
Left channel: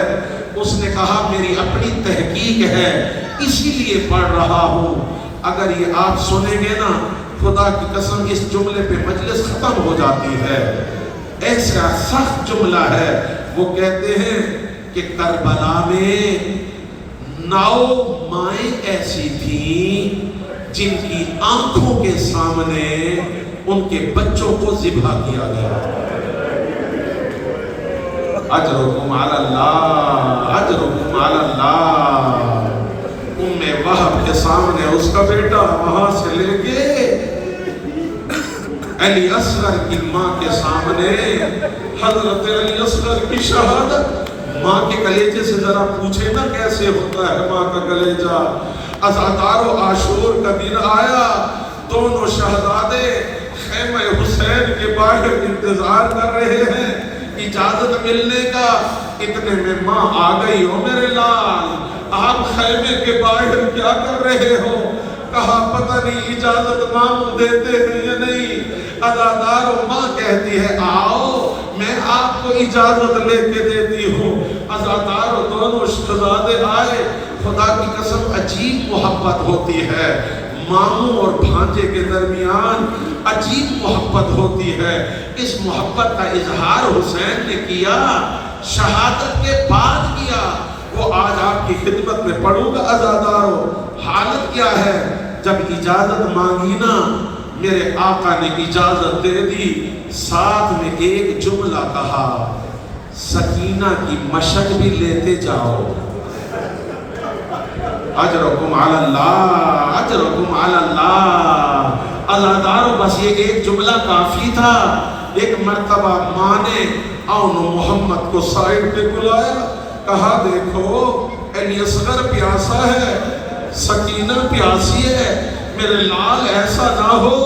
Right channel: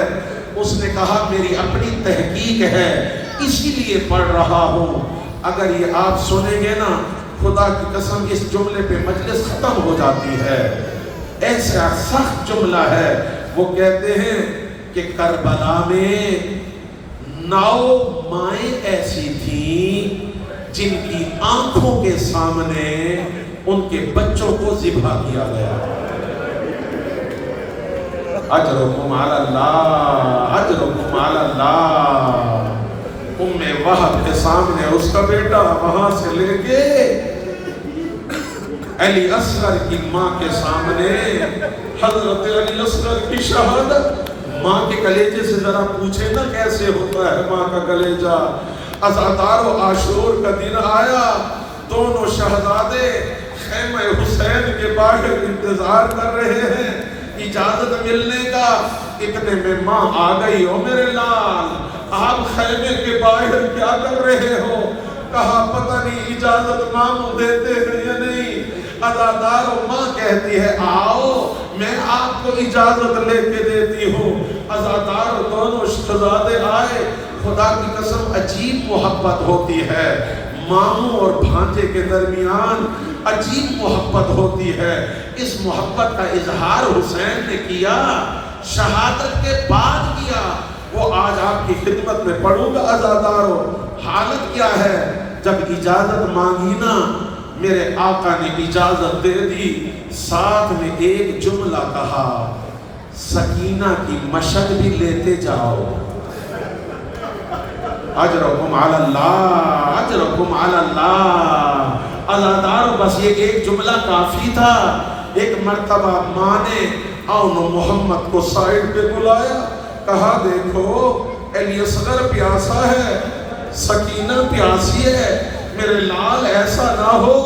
اس نے کہا میری اپنی تحقیق ہے اسی لیے پڑھ رہا ہوں، اگر یہ آپ سنیں گے نا خدا کی قسم اس جملے پہ مجلس ختم ہو جاتی ہے۔ ایسا سخت جملہ ہے، وہ کہتے ہیں کہ کربلا میں 9 مائیں ایسی تھیں جن کی آنکھوں کے سامنے ان کے بچوں کو ذبح کیا گیا۔ اجرکم علی اللہ، اجرکم علی اللہ۔ ام وہب کے سامنے اس کا بیٹا وہاں سے لے کے علی اصغر کی ماں کے سامنے حضرت علی اصغر کی شہادت ماں کے کلیجے سے ذرا پوچھے نا کیسے ہوتا ہے ماں کا کلیجہ۔ عزادار و عاشور کا دن آیا، دونوں شہزادے خیمہ حسین کے باہر انتظار کر رہے ہیں اجازت ملنے کا۔ اتنے میں ماں آ گئی، او میرے لال آپ خیمے کے باہر کیا کر رہے ہو؟ کہا پتہ نہیں اجازت ماموں دیتے ہیں یا نہیں۔ عزادار و ماں کہتی ہے آؤ میں آپ کو اجازت لے کے دیتی ہوں۔ عزادار و دونوں شہزادے آئے۔ خدا کی قسم عجیب محبت ہوتی ہے ماموں اور بھانجے کے درمیان، عجیب محبت ہوتی ہے۔ اس محبت کا اظہار حسین نے کیا، شہادت کے بعد کیا۔ وہ آج آپ کی خدمت میں پڑھوں گا عزادارو۔ حالت کیا ہے؟ جب اجازت مانگی نا میرے آقا نے اجازت دے دی، ساتھ میں ایک جملہ کہا، سکینہ کی مشق بھی لیتے جاؤ، اجرکم علی اللہ، اجرکم علی اللہ۔ عزادارو بس یہ ایک جملہ کافی تھا۔ ایک مرتبہ ماں نے اون محمد کو سائڈ پہ بلایا، کہا دیکھو علی اصغر پیاسا ہے، سکینہ پیاسی ہے، میرے لال ایسا نہ ہو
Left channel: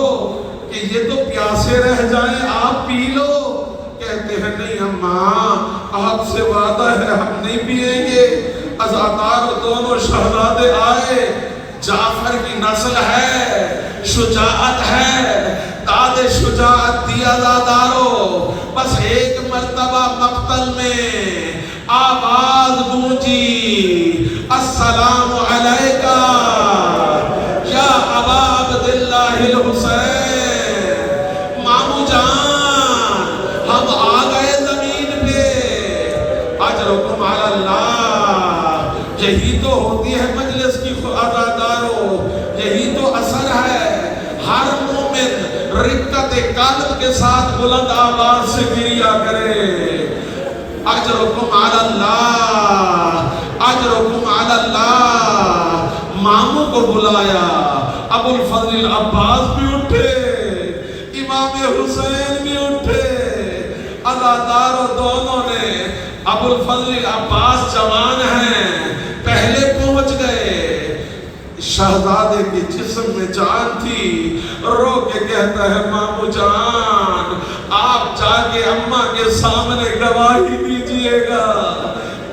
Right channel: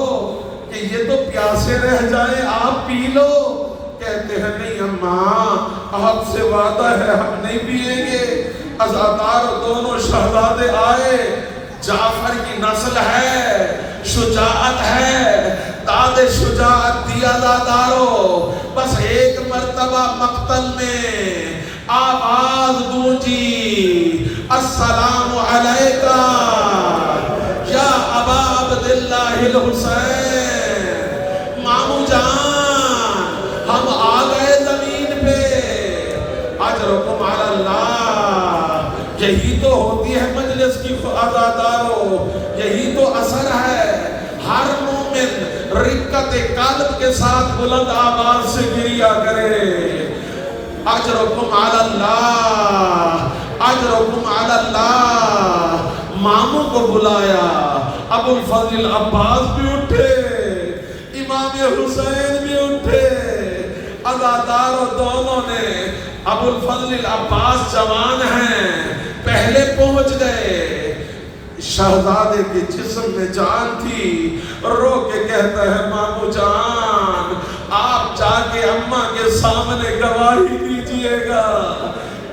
کہ یہ تو پیاسے رہ جائیں، آپ پی لو۔ کہتے ہیں نہیں اماں آپ سے وعدہ ہے ہم نہیں پیئیں گے۔ عزادار دونوں شہزادے آئے، جعفر کی نسل ہے، شجاعت ہے، داد شجاعت دی عزادارو۔ بس ایک مرتبہ مقتل میں آواز گونجی، السلام علیکہ یا ابا عبداللہ الحسین، مامو جان ہم آ گئے زمین پہ، اجرکم علی اللہ۔ یہی تو ہوتی ہے مجلس کی عزادارو، یہی تو اثر ہے۔ ہر مومن رقت قلب کے ساتھ بلند آواز سے گریا کرے، اجرکم علی اللہ، اجرکم علی اللہ۔ ماموں کو بلایا، ابو الفضل عباس بھی اٹھے، امام حسین بھی اٹھے۔ عزادارو دونوں نے، ابو الفضل عباس جوان ہیں، پہلے پہنچ گئے۔ شہزادے کے جسم میں جان تھی، رو کے کہتا ہے مامو جان آپ جا کے اماں کے سامنے گواہی دیجئے گا۔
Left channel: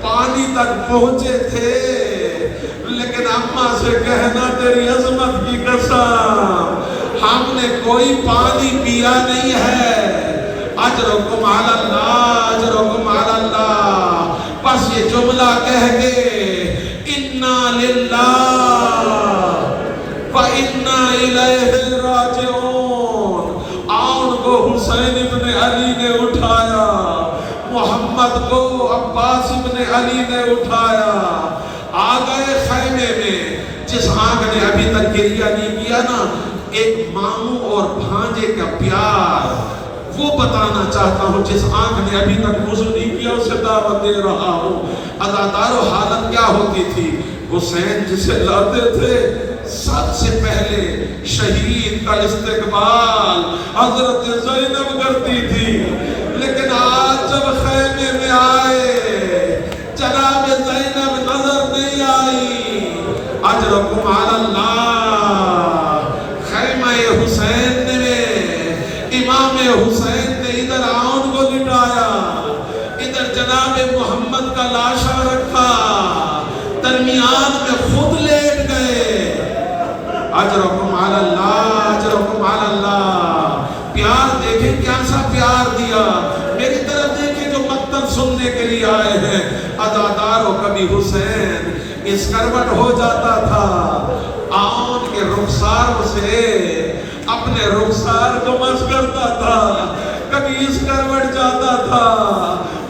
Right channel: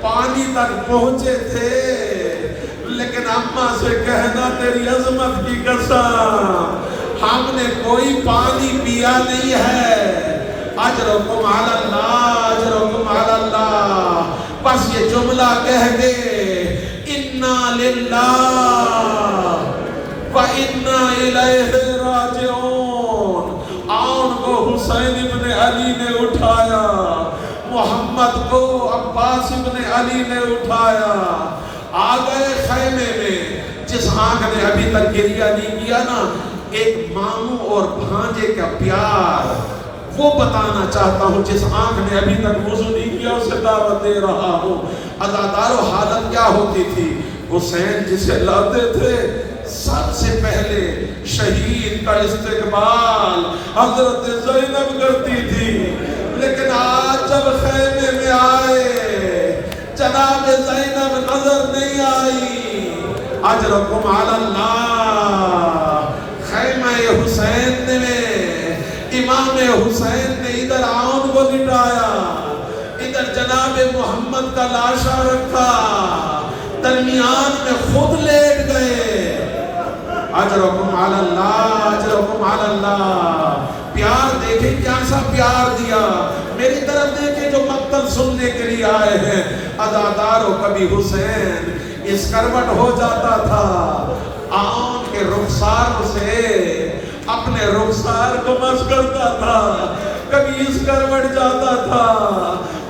پانی تک پہنچے تھے لیکن اماں سے کہنا تیری عظمت کی قسم ہم نے کوئی پانی پیا نہیں ہے، اجرکم علی اللہ، اجرکم علی اللہ۔ بس یہ جملہ کہہ گئے، اِنَّا لِلَّهِ وَإِنَّا إِلَيْهِ رَاجِعُونَ۔ آن کو حسین ابن علی نے اٹھایا، محمد کو عباس ابن علی نے اٹھایا، آ گئے خیمے میں۔ جس آنکھ نے ابھی تک گریہ نہیں کیا نا، ایک ماموں اور بھانجے کا پیار وہ بتانا چاہتا ہوں، جس آنکھ نے ابھی تک وضو نہیں کیا اسے دعوت دے رہا ہوں۔ عزادارو حالت کیا ہوتی تھی؟ حسین جسے لاتے تھے سب سے پہلے شہید کا استقبال حضرت زینب کرتی تھی، لیکن آج جب خیمے میں آئے جناب زینب نظر نہیں آئی۔ اجرکم علی اللہ۔ خیمہ حسین نے، امام حسین نے ادھر آن کو لٹایا، ادھر جناب محمد کا لاشا رکھا، درمیان میں خود لیٹ گئے۔ اجرکم علی اللہ، اجرکم علی اللہ۔ پیار دیکھیں کیسا پیار دیا، میری طرف دیکھیں جو مقتل سننے کے لیے آئے ہیں۔ عزادارو کبھی حسین اس کروٹ ہو جاتا تھا، آن کے رخسار سے اپنے رخسار کو مس کرتا تھا، کبھی اس کروٹ جاتا تھا،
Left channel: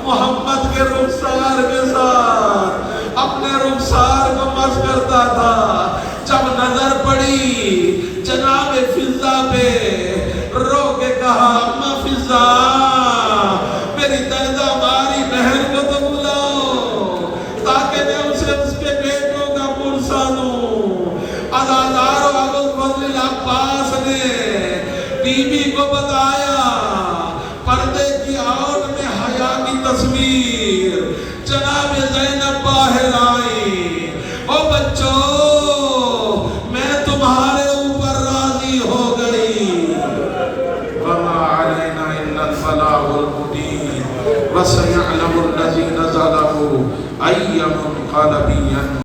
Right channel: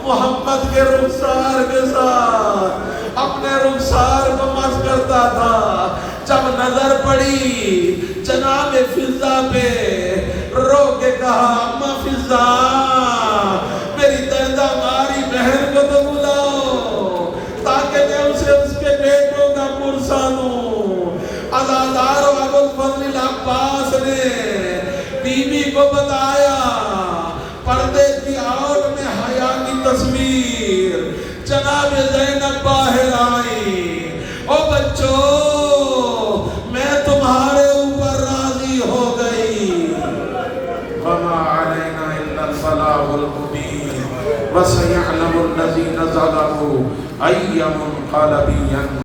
محمد کے رخسار کے ساتھ اپنے رخسار کو مس کرتا تھا۔ جب نظر پڑی جناب فضہ پہ، رو کے کہا اماں فضہ میری دردہ ماری بہن کو تو بلاؤ تاکہ میں اسے اس کے بیٹوں کا پرسا دوں۔ عزادارو ابو الفضل عباس نے بی بی کو بتایا، پردے کی آڑ میں حیا کی تصویر جناب زینب باہر آئی، او بچوں میں تمہارے اوپر راضی ہو گئی، وما علینا الا البلاغ المبین، بس